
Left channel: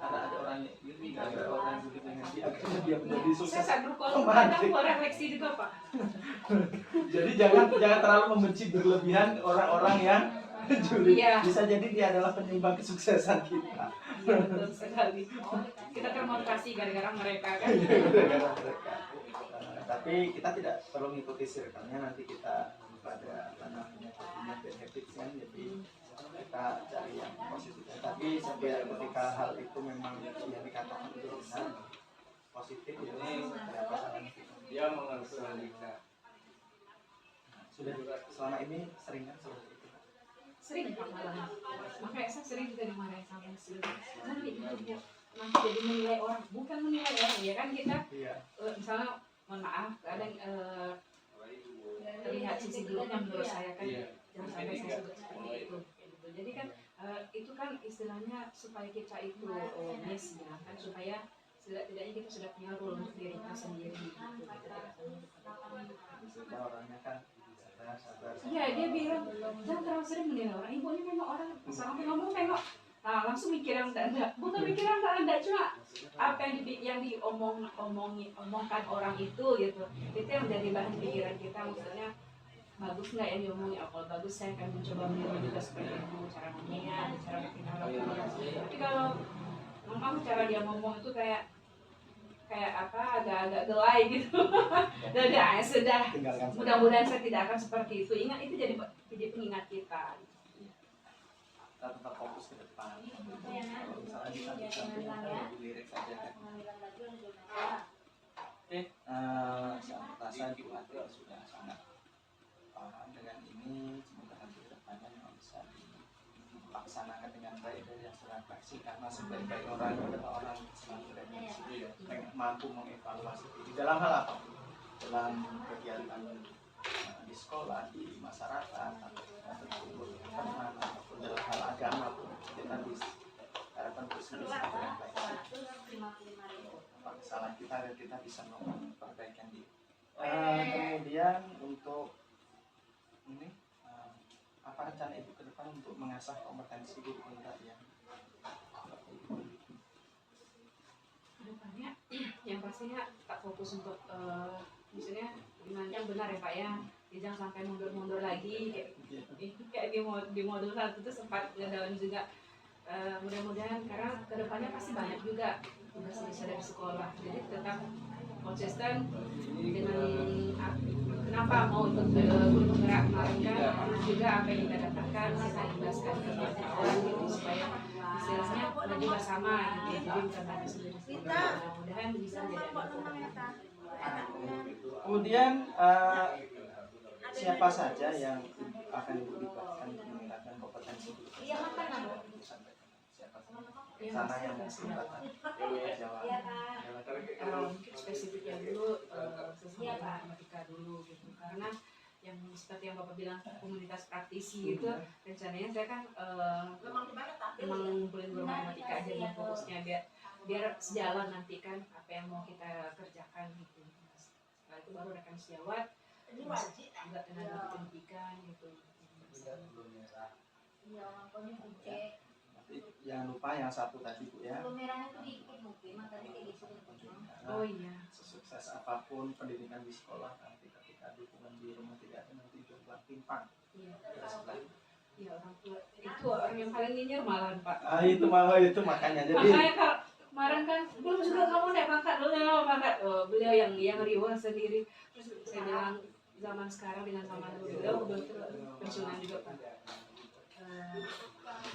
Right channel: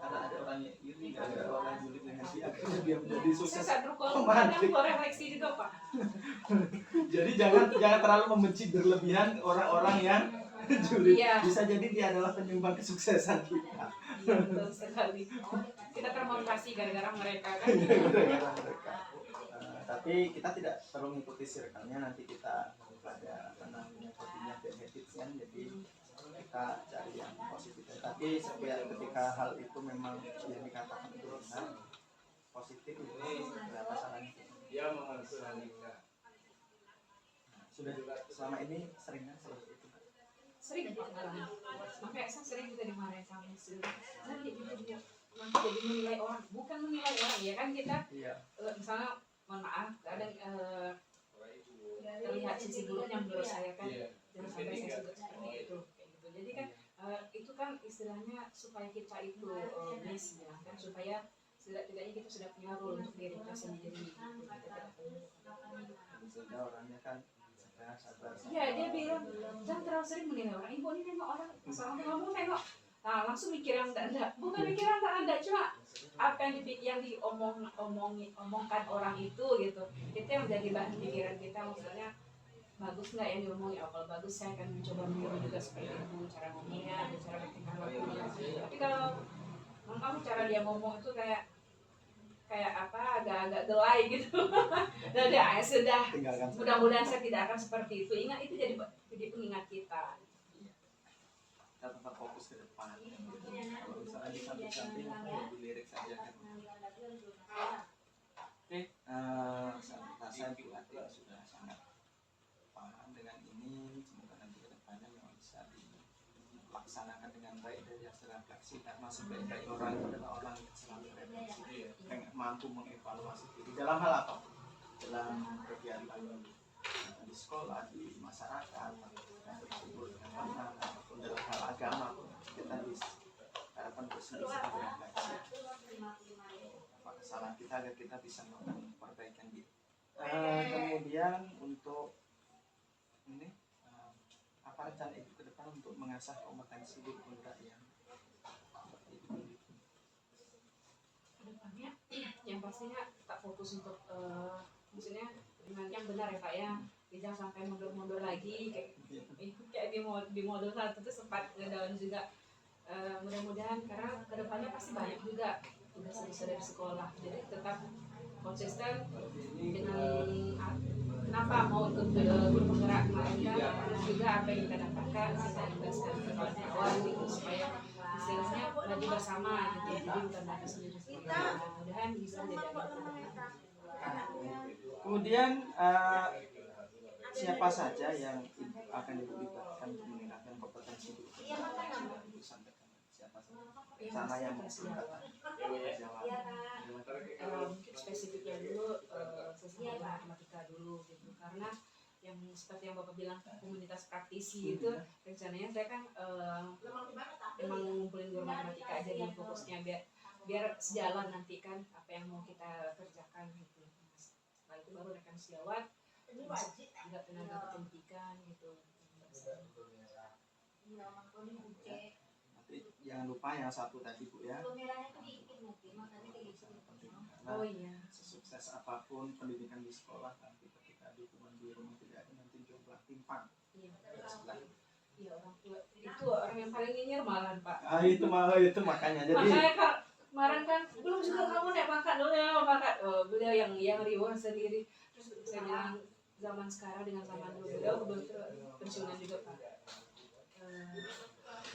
karena ada orang yang iri, ada orang yang julid dengan dia, akhirnya dia menjadi sukses. Saya kadang refleksi juga Pak. Jadi jangan terlalu membenci berlebihan orang-orang yang julid. Iya. Bisa jadi dia adalah penyumbang kesuksesan kita. Iya betul sekali. Kita termotivasi gara-gara mereka kan. Gara-gara mereka. Tapi kita tidak perlu mengikuti circle-nya, nanti kita pada apa namanya bad habits kan, jadi kita cari yang positif. Tapi setiap ketika hal itu memang yang dikatakan itu benar positif, jadi ada apa salahnya kita. Dia mengenai Sudah selama ini sering kan seperti itu? Sering Pak malah. Makanya saya sering juga dimarahin sama istri. Nanti jadi menilai orang, bukan menilai orang ya kan kita. Iya. Misalnya mohon maaf kadang terlihat sisi buruknya menurut saya kan. Jangan sampai saya sebut seperti itu. Kayak gitu. Jadi kan itu kan istilahnya supaya kita itu miss ya kan, supaya setidaknya kita sudah punya role untuk diri kita sendiri gitu. Kita tidak Kita orangnya kan sabar. Iya, dia bilang jangan terlalu sering menilai orang. Ibu ini memang orang sama ngomong tengok, nah, langsung mikir yang enggak. Bukan mikir yang enggak, cuma apa yang omongkan orang itu gitu. Itu yang menjadi bahan pikiran kita. Maksudnya bagus nggak yang diomongin? Oh, kalau bagus saya akan mencoba meniru juga seperti itu, cara ngomongnya, cara bertingkah lakunya. Tapi kalau memang cara dia ngomong itu kayak apa agak-agak gelai gitu. Sudah Tinggalkan saja. mudah-mudahan saya tidak akan seperti itu. Ingat itu jadi pengingat kita. Kita tetap fokus ke depan. Kalau misalnya di samping-samping ada di lirik saja kan. Oke, saya rasa Ibu Ati sudah sangat paham dengan ini. Semoga nanti ke depannya memang bisa dilaksanakan dengan baik dari hasil refleksi, karena sebaik-baik orang adalah orang yang selalu refleksi, mampu mengevaluasi diri dalam hal apapun, dalam kegiatan di sekolah, di masyarakat, atau kita berkumpul dengan teman, ataupun dalam hal agama pun kita diharapkan terus bisa berefleksi apa kesalahan kita agar kita bisa memperbaikan diri. Kemudian untuk ini apa rencana Ibu ke depan untuk mengasah kompetensi guru kita yang Kedepannya yang pastinya tak fokus untuk maksudnya dengan yang benar ya Pak ya. Jangan sampai mundur-mundur lagi kayak di modul 1 itu sempat ngedown juga. Mudah-mudahan karena kedepannya pasti banyak juga tugas bisa dari sekolah, jadi tetap konsisten dengan kenapa mau ikut guru penggerak kemarin kan, terus juga apa yang kita dapatkan kita imbaskan ke kawan gitu supaya istilahnya maju bersama gitu, jadi bukan maju sendiri. Mudah-mudahan bisa menjadi manfaat. kemudian siapa saja yang akan Ibu libatkan untuk meningkatkan kompetensi guru kita yang Ibu sampaikan? Siapa saja? Sana yang melibatkan Jawa. Mungkin spesifiknya dulu sesama matematika dulu gitu, karena yang seperti yang Bapak bilang komunitas praktisi itu rencananya saya kan memang ngumpulin guru matematika aja yang fokusnya biar sejalan nanti kan apa yang mau kita kerjakan gitu. Setelah itu baru rekan sejawat masuk juga tenaga pendidikan gitu. Nanti jangan lupa yang satu tadi Bu ya. Oh iya. Sesukses apapun pendidikan di sekolah, nanti ketika dukungan di rumah tidak ada, nanti jumlah timpang. Iya. Iya, orang tua itu orang yang paling nyinyir malahan Pak. Itu makanya jadi Makanya kemarin kan belum juga kamu naik pangkat dulu ya pangkat. Oh, beliau yang riwah sendiri. Terus saya bilang zaman sekarang dengan zaman dulu. Beliau betul pensiunan juga Pak.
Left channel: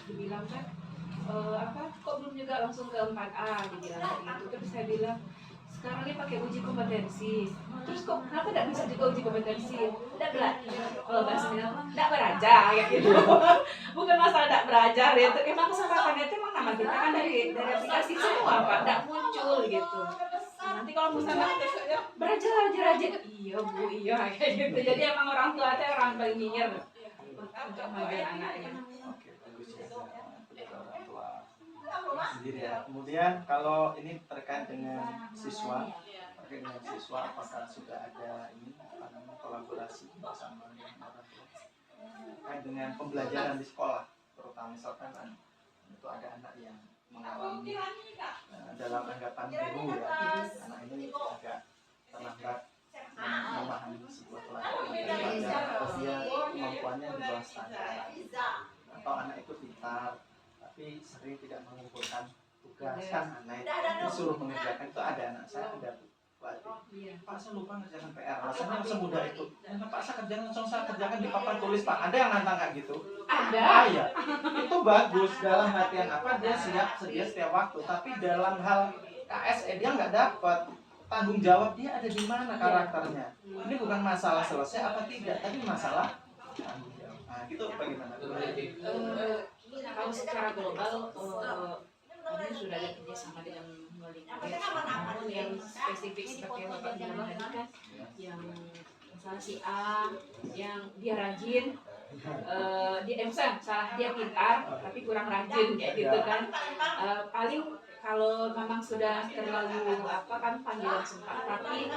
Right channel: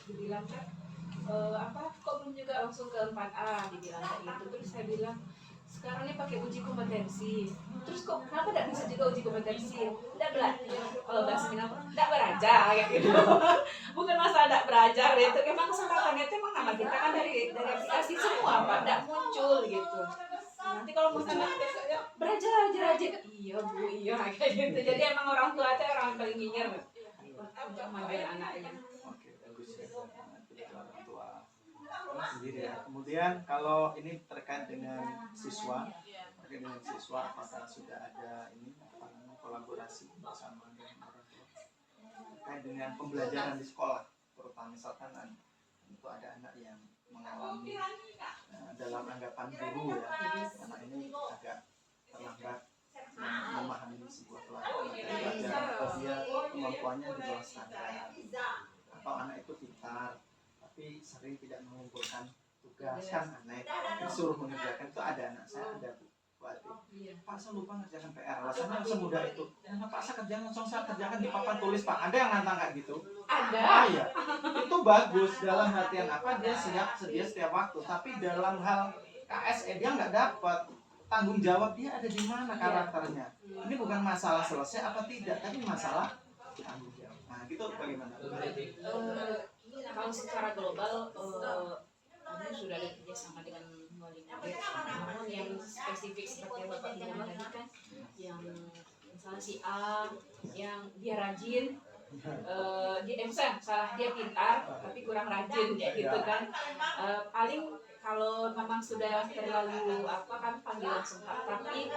Dibilang kan kok belum juga langsung ke 4A dibilang kayak gitu. Terus saya bilang sekarang ini pakai uji kompetensi. Terus kok kenapa tidak bisa juga uji kompetensi? Tidak belajar. Kalau bahasa Minang tidak belajar kayak gitu. Bukan masalah tidak belajar itu. Emang kesempatannya itu emang nama kita kan dari aplikasi semua Pak, tidak muncul gitu. Nanti kalau muncul belajar rajin. Iya Bu, iya kayak gitu. Jadi emang orang tua itu orang paling nyinyir untuk kemajuan anaknya. Oke, bagus ya. Itu orang tua sendiri ya. Kemudian kalau ini terkait dengan siswa, apakah sudah ada ini apa namanya kolaborasi bersama dengan orang tua terkait dengan pembelajaran di sekolah, terutama misalkan itu ada anak yang mengalami dalam anggapan guru ya, anak ini agak terlambat memahami sebuah pelajaran atau dia kemampuannya di bawah standar, atau anak itu pintar tapi sering tidak mengumpulkan tugas kan, anak disuruh mengerjakan. Itu ada anak saya, ada Pak saya lupa ngerjakan PR, alasannya semudah itu. Pak saya kerjakan, langsung saya kerjakan di papan tulis Pak. Ada yang nantang kayak gitu? Ada. Ya. Itu bagus dalam artian apa, dia sedia setiap waktu, tapi dalam hal KSE dia nggak dapat tanggung jawab, dia ada di mana karakternya. Ini bukan masalah selesai apa tidak, tapi masalah tanggung jawab. Nah gitu bagaimana? Kalau secara global ini sudah ada kerjasama dengan wali murid, namun yang spesifik seperti yang Bapak bilang tadi kan, yang misalnya si A yang dia rajin, dia pintar tapi kurang rajin kayak gitu kan, paling kalau memang sudah terlalu kan panggil langsung Pak. Tapi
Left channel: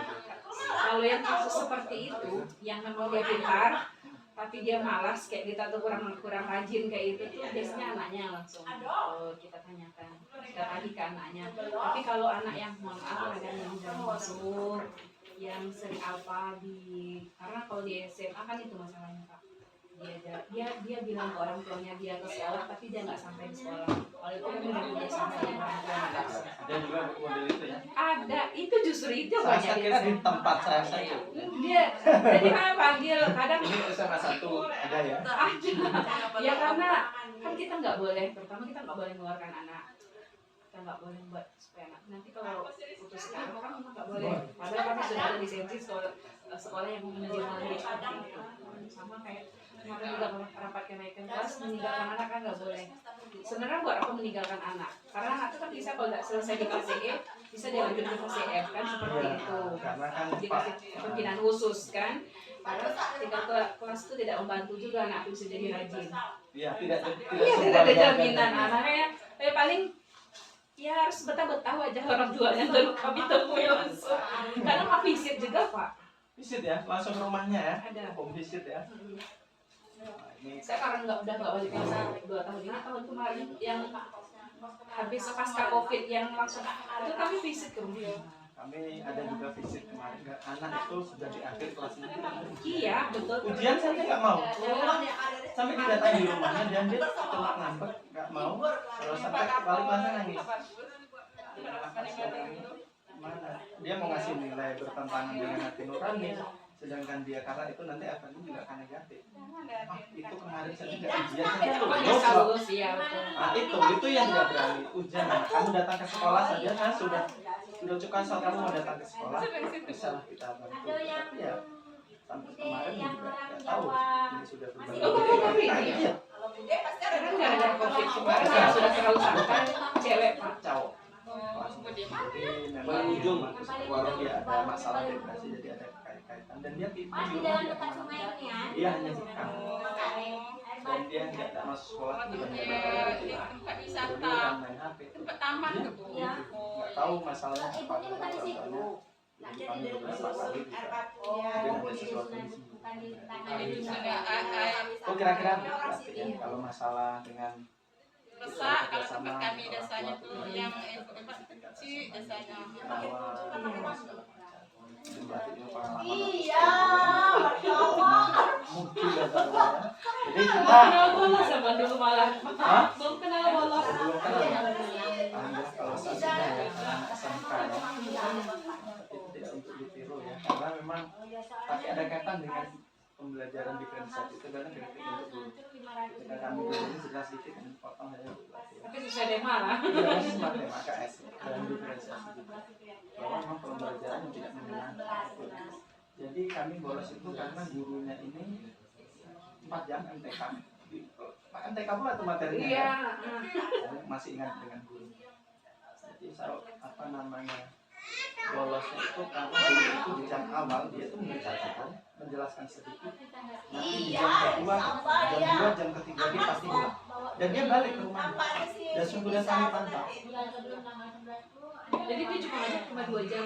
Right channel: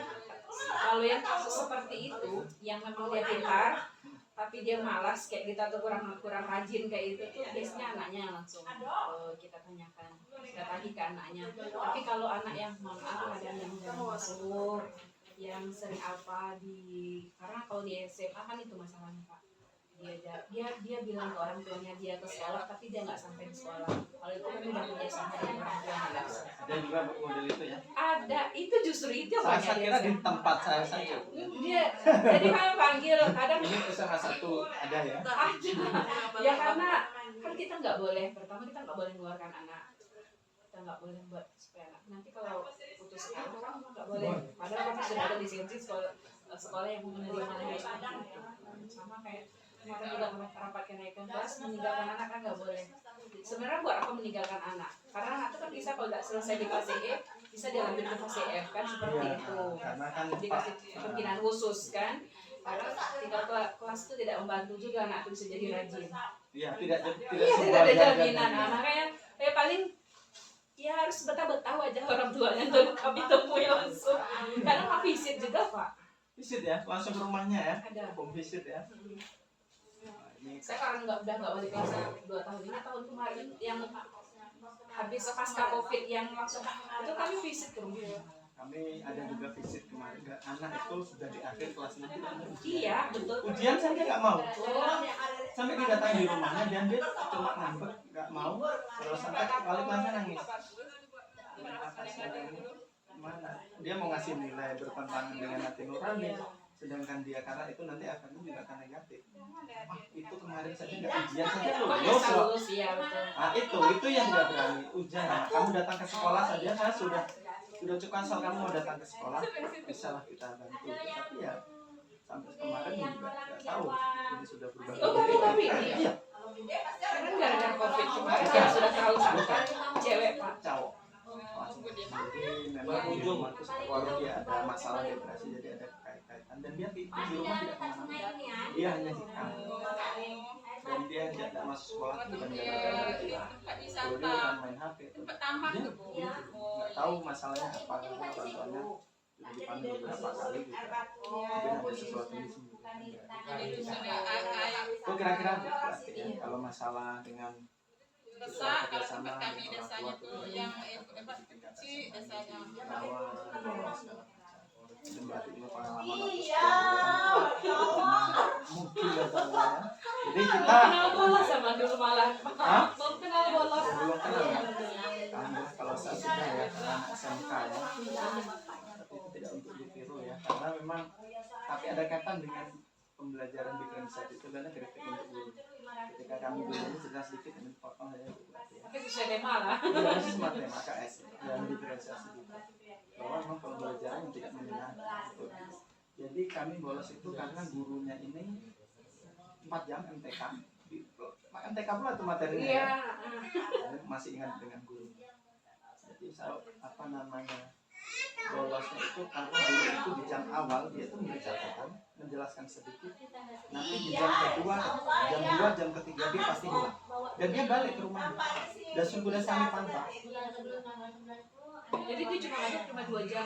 kalau yang kasus seperti itu yang memang dia pintar tapi dia malas kayak gitu atau kurang rajin kayak itu tuh biasanya anaknya langsung kita tanyakan, kita tagih ke anaknya. Tapi kalau anak yang maaf kadang yang jarang masuk, yang sering apa karena kalau di SMA kan itu masalahnya Pak, dia bilang ke orang tuanya dia ke sekolah tapi dia nggak sampai di sekolah. Kalau itu kan udah kerja sama dengan orang tua nggak bisa. Ada juga model itu ya? Ada, itu justru itu Saya banyak kira di tempat saya saja. Dia jadi kami panggil kadang ini SMA 1 ada ya? ada. Ya karena kan kita nggak boleh, pertama kita nggak boleh mengeluarkan anak, kita nggak boleh buat supaya anak nanti kalau putus sekarang kan memang nggak boleh. Padahal kami sudah ada lisensi sekolah yang menerima murid seperti itu. Sama kayak kemarin juga rapat kenaikan kelas, meninggalkan anak kan nggak boleh. Sebenarnya buat apa meninggalkan anak? Karena anak itu kan bisa kalau nggak selesai di fase E bisa dilanjut ke fase F kan, seperti itu. Karena kan dikasih kepemimpinan khusus kan. Karena tinggal kelas itu tidak membantu juga anak itu bisa jadi rajin. Iya, tidak ada jaminan anaknya. Paling ya harus betah-betah aja orang tuanya dulu kami temui langsung. Karena mau visit juga Pak. Visit ya, langsung ke rumahnya ya. Ada. Home visit ya. Saya karena udah nggak balik kelas 2 tahun ini, tahun kemarin yang habis pasca COVID yang langsung itu kami visit ke rumah. Kami ada juga visit kemarin, anak itu sudah di akhir kelas 6 tidak mau ujian. Iya betul. Ujian saja nggak mau. Sampai didatangi di rumahnya dan dia cuma ngambek nggak mau. Kalau sampai balik langsung nangis. Kenapa sih kamu? Mana? Dia mau ngasih nilai bertentangan dengan hati nurani. Sedangkan dia karena itu nanti akan juga akan negatif. Itu kemarin saya tidak ujian saja lulus. Iya betul. Nah itu yang tidak berani ujian. Kamu datang ke sekolah saja, saya sudah cukup asal kamu mau datang ke sekolah, bisalah kita bantu. Tapi ya sampai kemarin juga nggak tahu ini sudah berubah. Tapi iya. Karena gara-gara COVID kemarin sudah terlalu santai, cewek Pak. Cowok. Jadi memang kalau dia ada masalah depresi, jadi ada kaitan dan dia di rumah tidak kemana-mana, dia hanya di kamar dan dia tidak masuk sekolah bukan gara-gara dia kan main HP. Dia nggak tahu masalahnya apa, contohnya dipanggil beberapa kali juga mungkin ada sesuatu di sini. Itu kira-kira berarti ya kalau masalah dengan kita kerjasama dengan orang tua yang tingkat segala macam. Itu berarti itu pengalaman mungkin ya. Jadi kita kenal bola sama dulu malah. Belum kenal bola. Belum kenal ya. Alhamdulillah kalau saya sudah ya anak SMK ya. Tapi itu tidak untuk ditiru ya. karena memang tapi ada kaitan dengan pembelajaran diferensiasi itu adalah kritik untuk guru. Ketika kami dulu ini cerita sedikit dan potong saya untuk ya. Tapi sesuai tema lah. Iya, masih semacam KS dan diferensiasi juga. Bahwa memang pembelajaran yang tidak menyenangkan. Jadi kami bolos itu karena gurunya ini 4 jam MTK. MTK pula itu materinya. Iya. Ya. Masih ingat dengan guru. Jadi saya bolosnya itu karena guru itu di jam awal dia itu memberi catatan, menjelaskan sedikit. Nanti di jam kedua, jam 2, jam ketiga dia pasti hilang. Dan dia balik ke rumah. Dan sudah kami pantau. Jadi dia cuma 2 jam.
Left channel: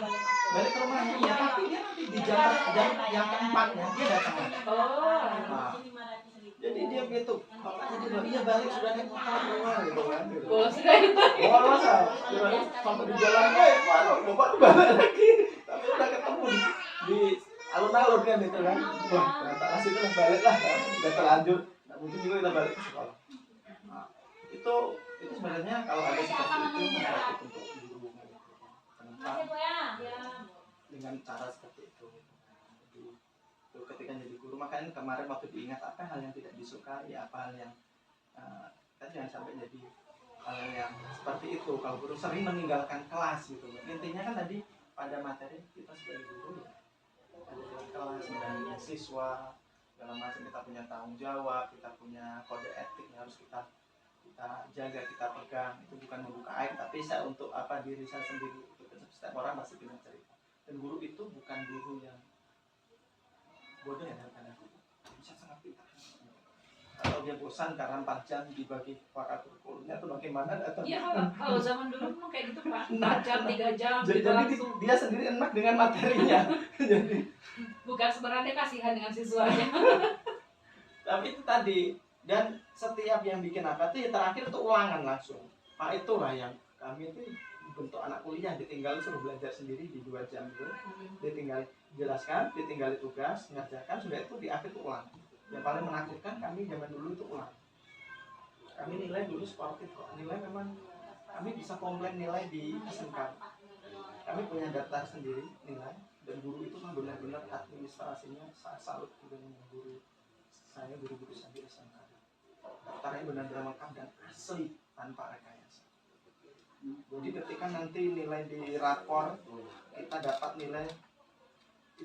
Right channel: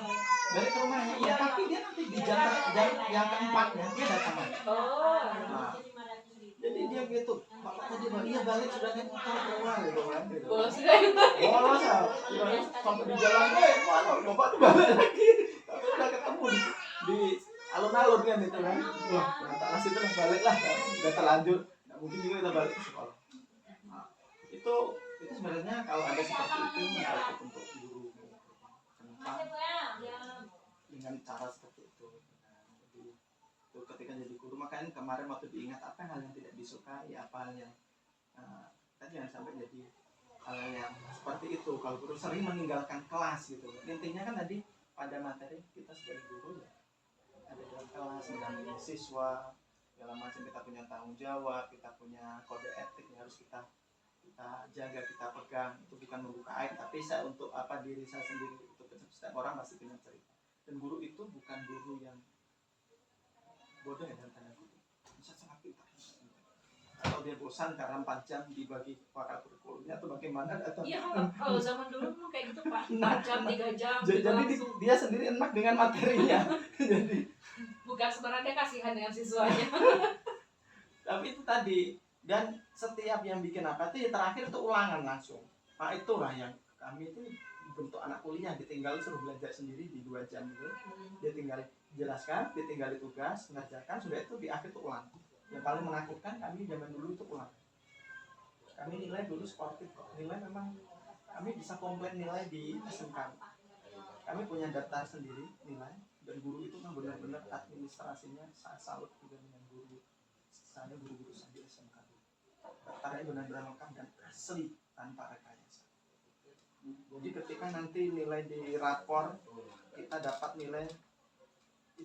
Balik ke rumahnya, iya, tapi dia nanti di jam yang keempatnya dia datang. Oh. Nah, jadi dia gitu, bapaknya dia bilang, iya balik sudah naik motor keluar gitu kan. Gitu. Bolos sudah itu. Bolos ya, sampai di jalan, mana bapak tuh balik lagi. Tapi udah ketemu di alun-alun kan gitu kan. Wah, ternyata kasih itu lah balik lah, kan. Udah terlanjur, nah, mungkin juga kita balik ke sekolah. Nah, itu sebenarnya kalau ada seperti itu menjadi untuk guru gitu. Kenapa? Dengan cara seperti itu. Jadi itu ketika jadi guru, makanya kemarin waktu diingat apa hal yang tidak disukai, apa hal yang kita jangan sampai jadi hal yang seperti itu. Kalau guru sering meninggalkan kelas gitu, intinya kan tadi pada materi kita sebagai guru ya, ada dalam kelas mendampingi siswa dalam macam, kita punya tanggung jawab, kita punya kode etik yang harus kita jaga, kita pegang. Itu bukan membuka aib, tapi saya untuk diri saya sendiri, untuk setiap orang pasti punya cerita. Dan guru itu bukan guru yang bodoh ya, dalam tanda kutip, bisa sangat pintar. Atau dia bosan karena 4 jam dibagi waktu kurikulumnya atau bagaimana atau Iya, kalau zaman dulu memang kayak gitu Pak. 4 jam, 3 jam jadi langsung. dia sendiri enak dengan materinya. Jadi Bukan sebenarnya kasihan dengan siswanya. tapi itu tadi, dan setiap yang bikin itu ya terakhir itu ulangan langsung. Nah itulah yang kami itu bentuk anak kuliah, ditinggal suruh belajar sendiri di 2 jam itu, dia tinggal jelaskan, dia tinggal tugas, mengerjakan, sudah itu di akhir itu ulang. Yang paling menakutkan kami zaman dulu itu ulang. Kami nilai dulu sportif kok, nilai memang kami bisa komplain nilai di SMK. Kami punya daftar sendiri nilai, dan guru itu memang benar-benar administrasinya saya salut dengan guru saya, guru-guru saya di SMK. Daftarnya benar-benar lengkap dan asli tanpa rekayasa. Jadi ketika nanti nilai di rapor kita dapat nilai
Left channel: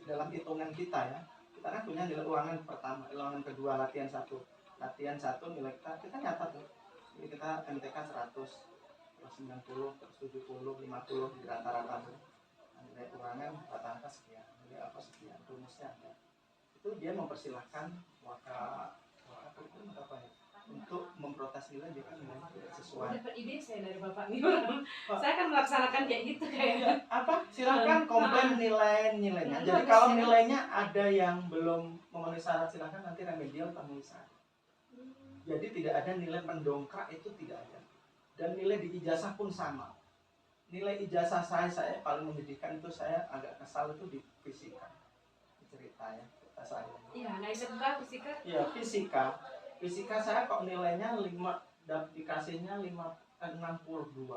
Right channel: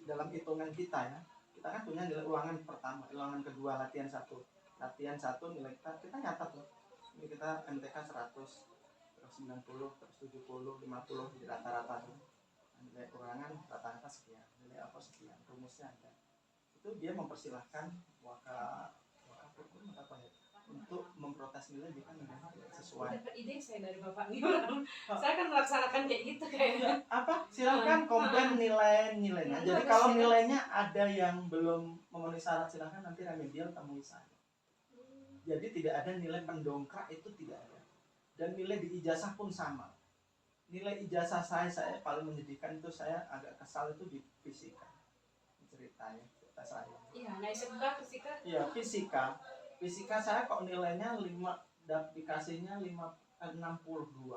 dalam hitungan kita ya, kita kan punya nilai ulangan pertama, ulangan kedua, latihan 1 nilai kita nyatat tuh, ini kita MTK 100, terus 90, terus 70, 50 di rata-rata tuh. Nilai ulangan rata-rata sekian, nilai apa sekian, rumusnya ada. Itu dia mempersilahkan kurikulum apa ya, untuk memprotes nilai jika nilainya tidak sesuai. Dapat ide saya dari Bapak nih. Saya kan melaksanakan kayak gitu kayaknya. Silakan komplain nilainya. Jadi kalau nilainya ada yang belum memenuhi syarat, silakan nanti remedial temui saya. Jadi tidak ada nilai mendongkrak, itu tidak ada. Dan nilai di ijazah pun sama. Nilai ijazah saya paling menyedihkan itu, saya agak kesal itu di fisika. Cerita saya. Iya, nah SMK fisika. Iya, fisika saya kok nilainya 5, dikasihnya 62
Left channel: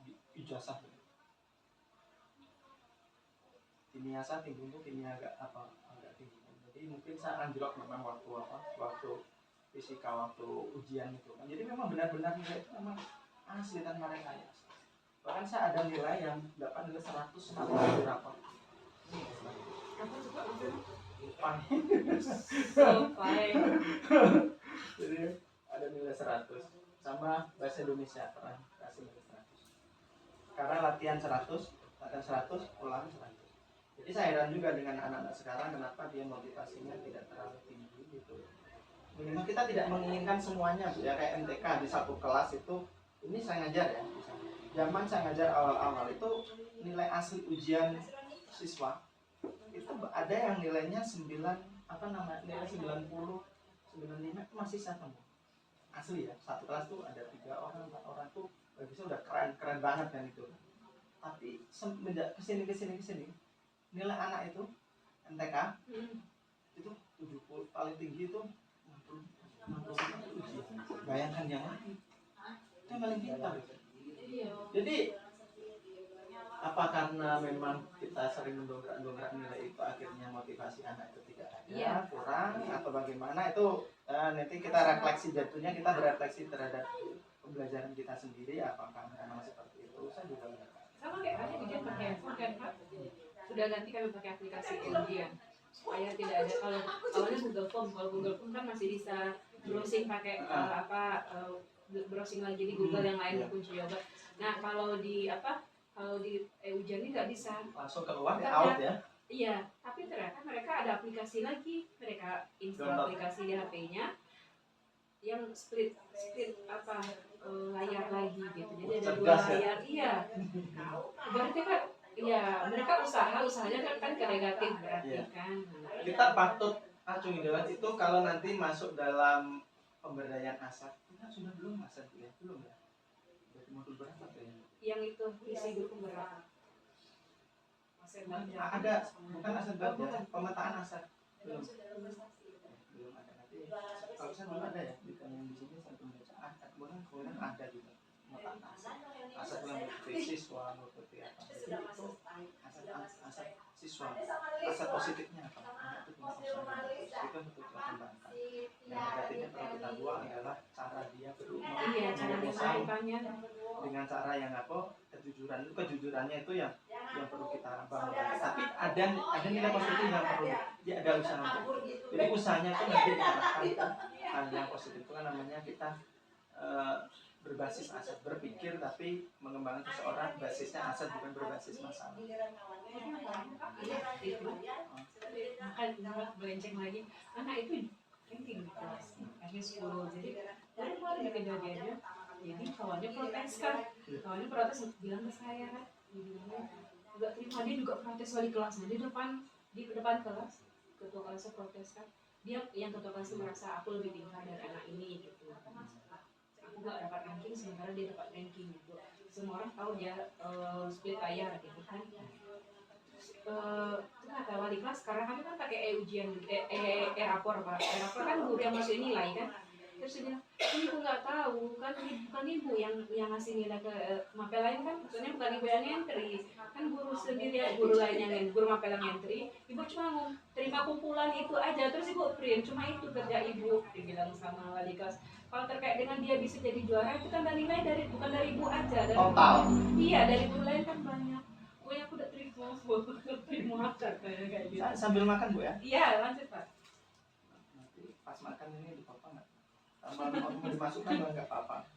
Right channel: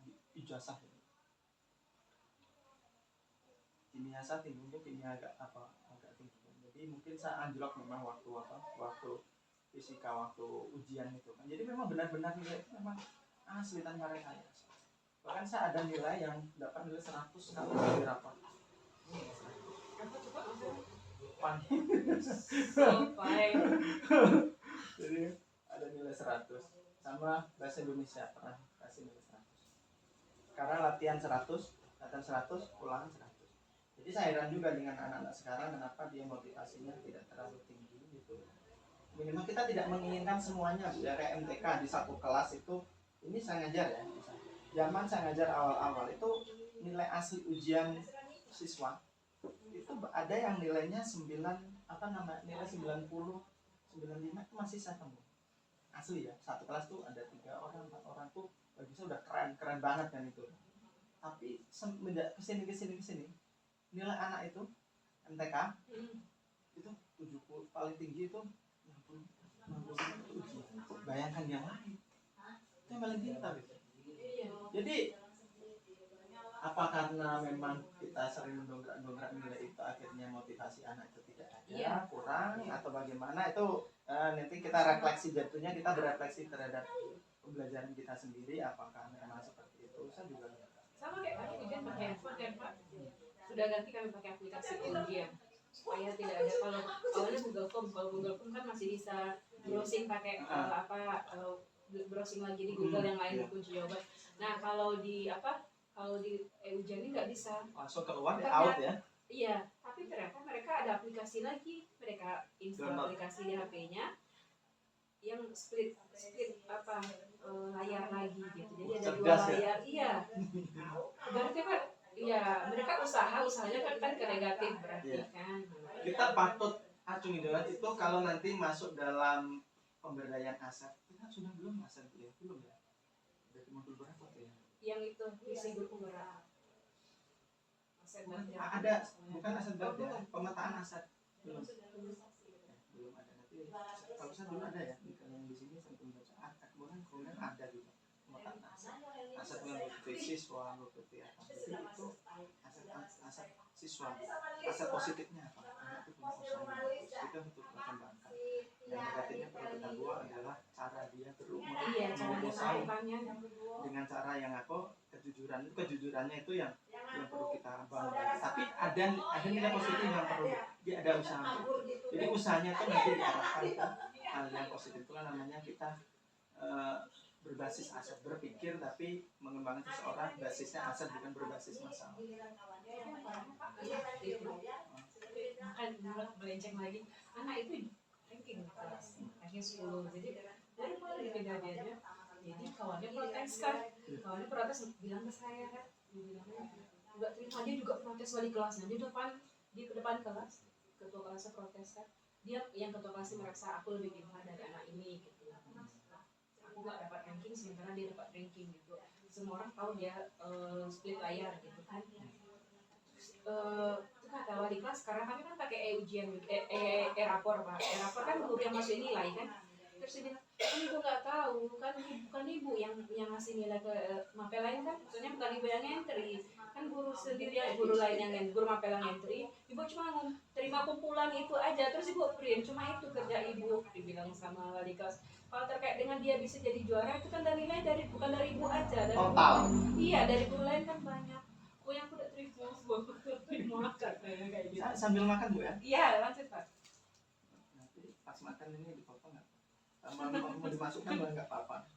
di ijazah. Kimia saya tinggi, kimia agak tinggi. Jadi mungkin saya anjlok memang waktu fisika, waktu ujian itu kan. Jadi memang benar-benar nilai itu memang asli tanpa rekayasa. Bahkan saya ada nilai yang dapat nilai 100 kalau di rapor. Apa coba maksudnya? Fine. Jadi ada nilai 100 sama bahasa Indonesia pernah kasih nilai 100. Karena latihan 100, ulangan 100. Jadi saya heran juga dengan anak-anak sekarang, kenapa dia motivasinya tidak terlalu tinggi gitu. Minimal kita tidak menginginkan semuanya ya, kayak MTK di satu kelas itu, ini saya ngajar ya. Zaman saya ngajar awal-awal itu nilai asli ujian siswa itu ada yang nilainya 90, nilai 90, 95 itu masih saya temu. Asli ya, satu kelas tuh ada 3 orang, 4 orang tuh bagi saya udah keren banget kan itu. Tapi semenjak kesini nilai anak itu MTK itu 70, paling tinggi itu 60 itu ujian. Bayangkan yang lain itu yang paling pintar. Jadi apa karena memang kita sering mendongkrak nilai itu akhirnya motivasi anak itu tidak ada, Iya. kurang atau bagaimana itu nanti kita refleksi, jatuhnya kita berefleksi terhadap pembelajaran kita sendiri apakah memang seperti itu. Saya juga nggak tahu. Sama kayak kalian ujian pakai handphone kan Pak, sudah ganti kami pakai aplikasi ujian supaya tidak ada, kalau awalnya Google Form, kalau Google Form kan masih bisa browsing pakai browsing lagi di Google yang lain kunci jawaban. Nah kalau di ujian ini nggak bisa, Langsung keluar ya, out ya. iya, tapi ternyata mereka ada aplikasi lagi, mereka install Download. aplikasi di HP-nya yang split layar lagi gitu, jadi ada dua Cerdas ya. layar, iya. Berarti kan, iya, mereka usahanya kan ke negatif berarti Iya. kan. Kita patut acungi jempol itu kalau nanti masuk dalam pemberdayaan ASEP. Kita sudah belum ASEP ya? Belum ya? Dari modul berapa tuh ya? Yang itu visi guru penggerak. Ada, bukan ASEP Oh, ya? bukan. Pemetaan ASEP. Belum. Belum ada. Nanti kalau saya dulu ada ya, yang di sini saya belum baca. Kemudian ada juga pemetaan ASEP. ASEP bukan mengikuti siswa, mengikuti apa. Jadi itu ASEP siswa. ASEP positifnya apa? Anak itu punya usaha yang bagus. Itu betul kita kembangkan. Yang negatifnya perlu kita buang adalah cara dia Iya, cara dia berusaha melakukannya. dengan cara yang apa, kejujurannya itu yang perlu kita bangun lagi. Tapi ada nilai positif yang perlu dia ada usaha. Jadi usahanya tuh nanti diarahkan ke hal yang positif, itu kan namanya kita berbasis aset, berpikir tapi mengembangkan seseorang basisnya aset, bukan berbasis masalah. Maka melenceng lagi, anak itu ranking di kelas ranking 10, jadi dari kemarin di kejadiannya, jadi kawannya protes bilang ke saya kan, dibilangnya nggak terima, dia juga protes wali kelasnya di depan kelas, ketua kelasnya protes kan, dia yang ketua kelasnya merasa aku lebih pintar dari anak ini gitu, aku nggak dapat ranking sementara dia dapat ranking gitu, semua orang tahu dia split layar gitu kan. Itu kata wali kelas, karena kami kan pakai ujian rapor Pak, rapor kan guru yang masukin nilai kan, terus dia bilang ibu nggak tahu kan, bukan ibu yang ngasih nilai ke mapel lain kan, maksudnya bukan ibu yang entry kan, guru sendiri, guru lain yang guru mapel yang entry, ibu cuma terima kumpulan itu aja, terus ibu print, cuma itu kerja ibu, dibilang sama wali kelas. Kalau terkait dengan dia bisa jadi juara itu kan dari nilai bukan dari ibu aja, dari Total. Iya, dari guru lain kan banyak. Pokoknya aku udah terima kayak gitu. Sambil makan Bu ya? Iya, lanjut Pak. Nanti pas makan ini dipotong nggak? Mau dimasukkan nggak apa-apa.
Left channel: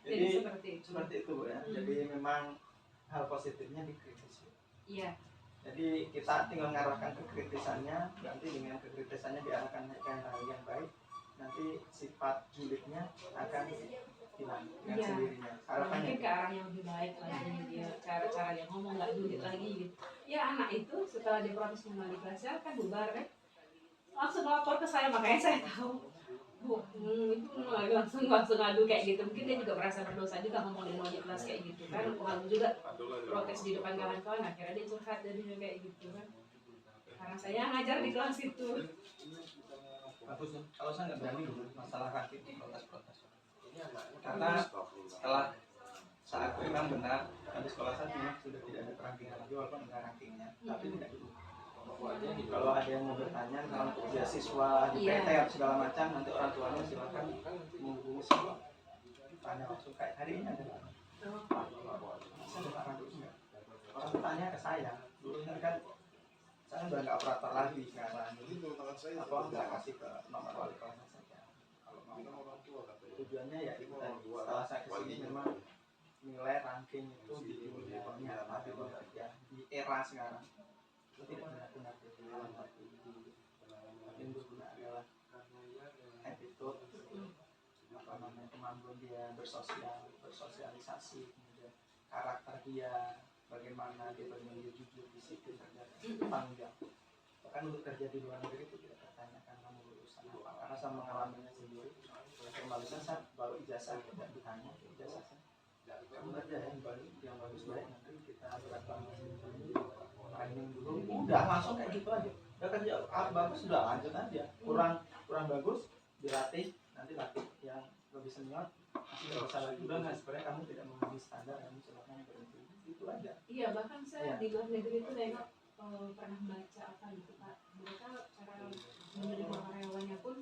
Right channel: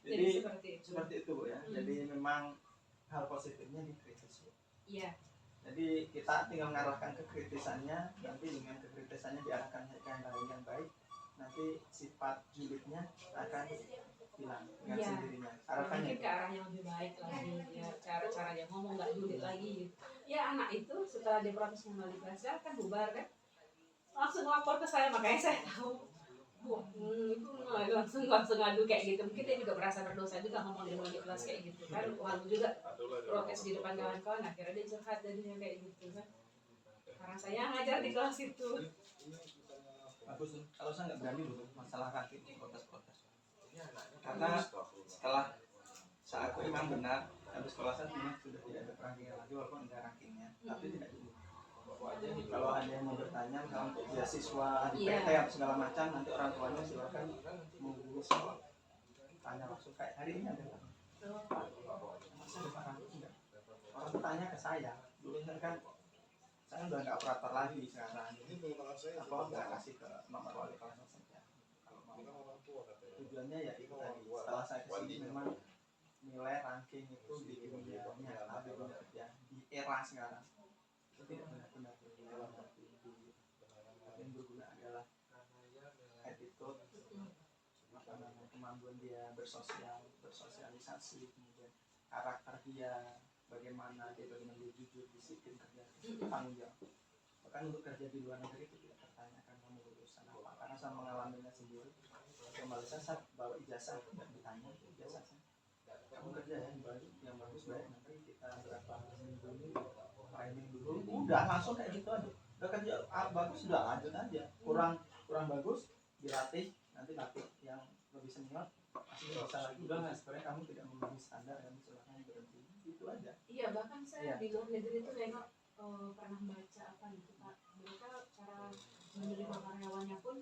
Jadi seperti itu Bu ya. Jadi memang hal positifnya dikritis Bu. Iya. Jadi kita tinggal mengarahkan kekritisannya, nanti dengan kekritisannya diarahkan ke hal yang baik, nanti sifat julidnya akan hilang dengan sendirinya. Harapannya mungkin ke arah yang lebih baik lagi, dia cara-cara dia ngomong nggak julid lagi gitu. Ya anak itu setelah dia protes kembali kelasnya kan bubar kan, langsung lapor ke saya, makanya saya tahu Bu, itu langsung ngadu kayak gitu. Mungkin dia juga merasa berdosa juga ngomong dengan wali kelas kayak gitu kan, lalu juga protes di depan kawan-kawan, akhirnya dia curhat jadinya kayak gitu kan, karena saya ngajar di kelas itu. bagus tuh. Kalau saya nggak berani dulu masalah ranking protes-protes, karena setelah saat aku memang benar habis sekolah saya memang sudah tidak ada ranking lagi, walaupun ada rankingnya, tapi tidak dulu. Kalau ada yang mau bertanya kalau untuk beasiswa di PT atau segala macam, nanti orang tuanya silakan menghubungi sekolah, tanya langsung. Kayak hari ini ada Pak, saya ada Pak Randu enggak? Orang bertanya ke saya, dulu kan saya udah nggak operator lagi sekarang, apa nggak kasih ke nomor wali kelasnya saja kalau mau. Tujuannya ya itu tadi, setelah saya kesini memang nilai ranking itu di dunia nyata, di dunia kerja, di era sekarang itu tidak benar-benar dalam satu yang berguna adalah attitude, kemampuan dia bersosialisasi, kemudian karakter dia, bagaimana dia jujur, disiplin, kerja, tanggung jawab. Bahkan untuk kerja di luar negeri itu tidak tertanyakan kamu lulusan apa, karena saya mengalaminya sendiri. Kembali saya bawa ijazah, tidak ditanya ijazah saya, kamu kerja ya di Bali yang bagus, baik, nanti kita berapa training dulu, udah langsung kayak gitu aja. Udah kerja bagus, udah lanjut aja. Kurang bagus dilatih, nanti latih yang lebih senior, masih nggak bisa lagi, udah nggak, sebenarnya kamu tidak memenuhi standar, kamu silahkan berhenti. nggak? Iya, bahkan saya Iya. di luar negeri itu nengok pernah baca apa gitu Pak. Mereka cara menerima karyawannya pun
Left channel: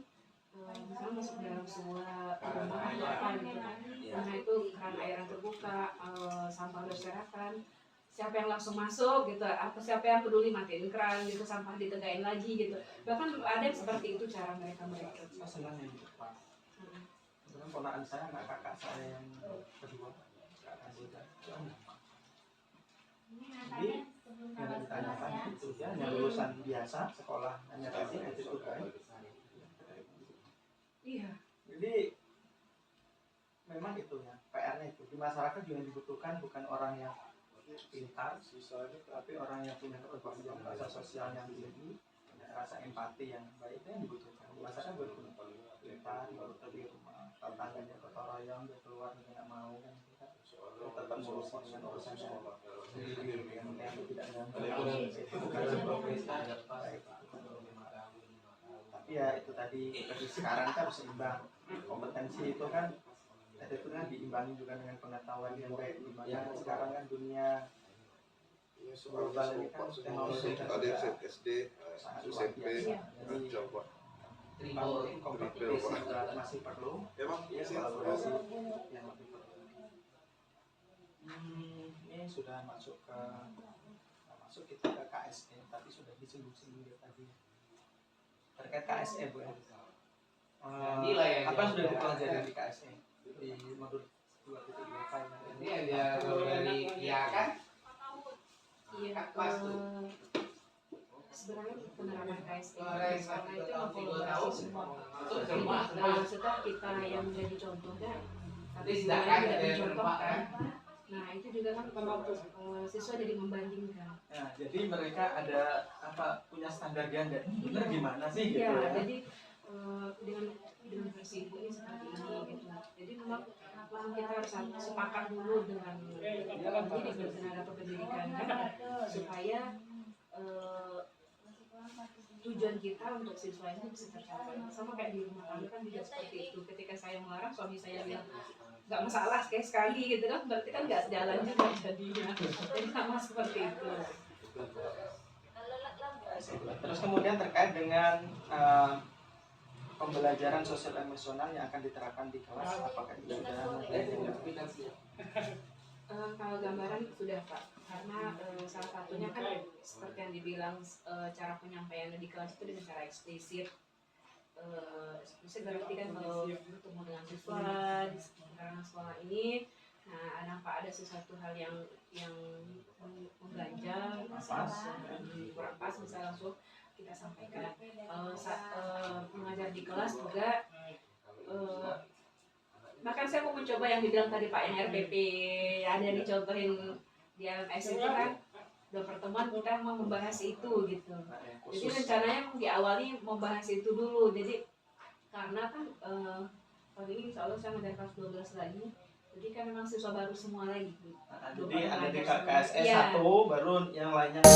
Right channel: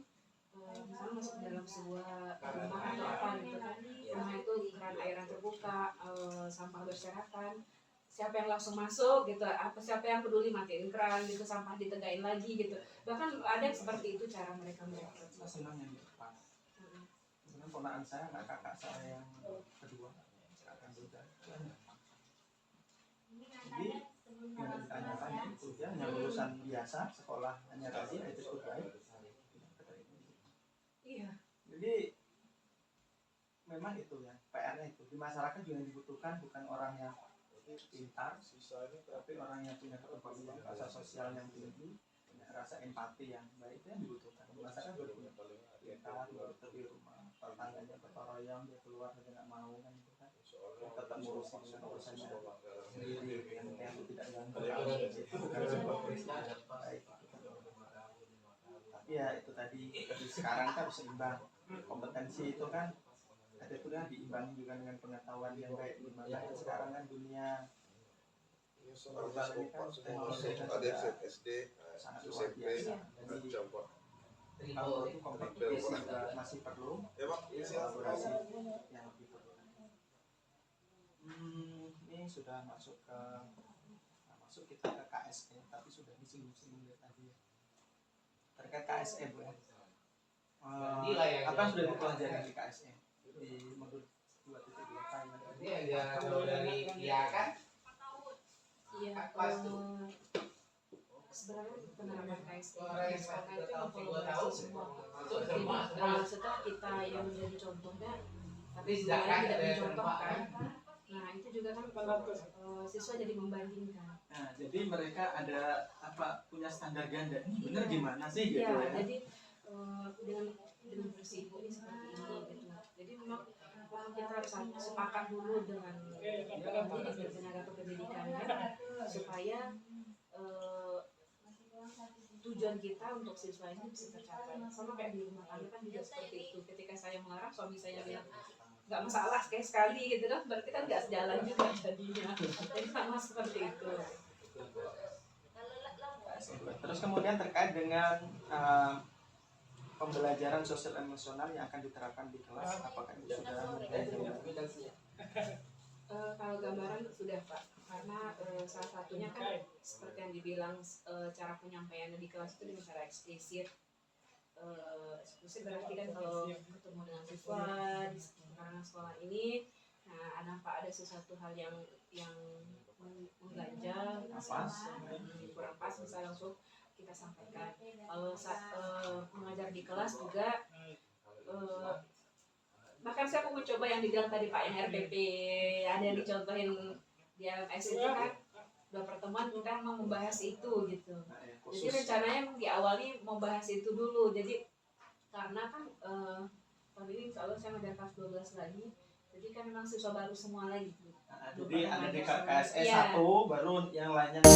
misalnya masuk dalam sebuah rumah atau apa gitu kan. Rumah itu keran air yang terbuka, sampah berserakan. Siapa yang langsung masuk gitu, apa siapa yang peduli matiin keran gitu, sampah ditegain lagi gitu. Bahkan ada yang seperti itu cara mereka merekrut. Saya senang yang di depan. Mm. Kebetulan ponakan saya, kakak saya yang kedua, kakak Kamboja. Jadi yang ditanya-tanya itu ya, hanya lulusan biasa, sekolah hanya tadi attitude baik. Iya. Jadi memang itu ya, PR-nya itu di masyarakat juga dibutuhkan bukan orang yang pintar, tapi orang yang punya kepedulian, rasa sosial yang tinggi, punya rasa empati yang baik, itu yang dibutuhkan. Di masyarakat butuh pintar, betul di rumah, tetangganya gotong royong, dia keluar dia nggak mau kan, gitu kan. Tetap ngurusin dengan urusannya sendiri, yang penting tidak ganggu. Itu bukan sebuah prestasi baik. Tapi ya itu tadi, sekarang kan harus seimbang. Kompetensi itu kan itu kan diimbangi juga dengan pengetahuan yang baik, di mana sekarang kan dunia global ini kan teknologi kan sudah sangat luar biasa. Jadi kalau kompetisi juga masih perlu kolaborasi yang lebih perlu. Ini sudah masuk kita ke KSE, tapi sudah disinggung-singgung tadi ya. Terkait KSE Bu ya. Apa yang sudah dipelajari di KSE di modul 2.2 final? Ini ada dari dia kan? Iya, Pas tuh. sebenarnya penerapan KSE di Keren, sekolah itu kita mengkolaborasi semua. Jadi setelah kita yang menjadi contohnya, tapi Ini yang lain tidak ada yang mencontohkan. Nah itu juga kan kalau siswa jadi membandingkan. Nah, jadi mereka ada punya standar ganda. Ini bener gimana sih gitu Iya, ya? jadi dengan versi ibu ini seperti ini gitu. Jadi memang kita harus sepakat dulu dengan pendidik dan tenaga kependidikan kan, supaya tujuan kita untuk siswa ini bisa tercapai. Sama kayak di rumah tangga kan juga seperti itu. Ketika saya melarang, suami saya bilang nggak masalah sekali gitu kan, berarti kan nggak sejalan juga jadinya. Jadi sama seperti itu. Terus kemudian terkait dengan pembelajaran sosial emosional yang akan diterapkan di kelas, apakah itu sudah mempelajari? Kalau gambaran sudah Pak, karena salah satunya kan seperti yang dibilang cara penyampaiannya di kelas itu dengan cara eksplisit. Eksplisit berarti kan kalau bertemu dengan siswa di sekarang sekolah ini, nah ada sesuatu hal yang mengganjal, kurang pas, bisa langsung kita sampaikan. Kalau saat mengajar di kelas juga, bahkan saya mau mencoba yang dibilang tadi Pak, yang RPP ada yang dicontohin di LMS itu kan, dua pertemuan kita mau membahas itu gitu. Jadi rencananya diawali mau bahas itu dulu. Jadi karena kan tahun ini insya Allah saya mengajar kelas 12 lagi, jadi kan memang siswa baru semua lagi. Jadi ada di KSE Iya. 1, baru yang lainnya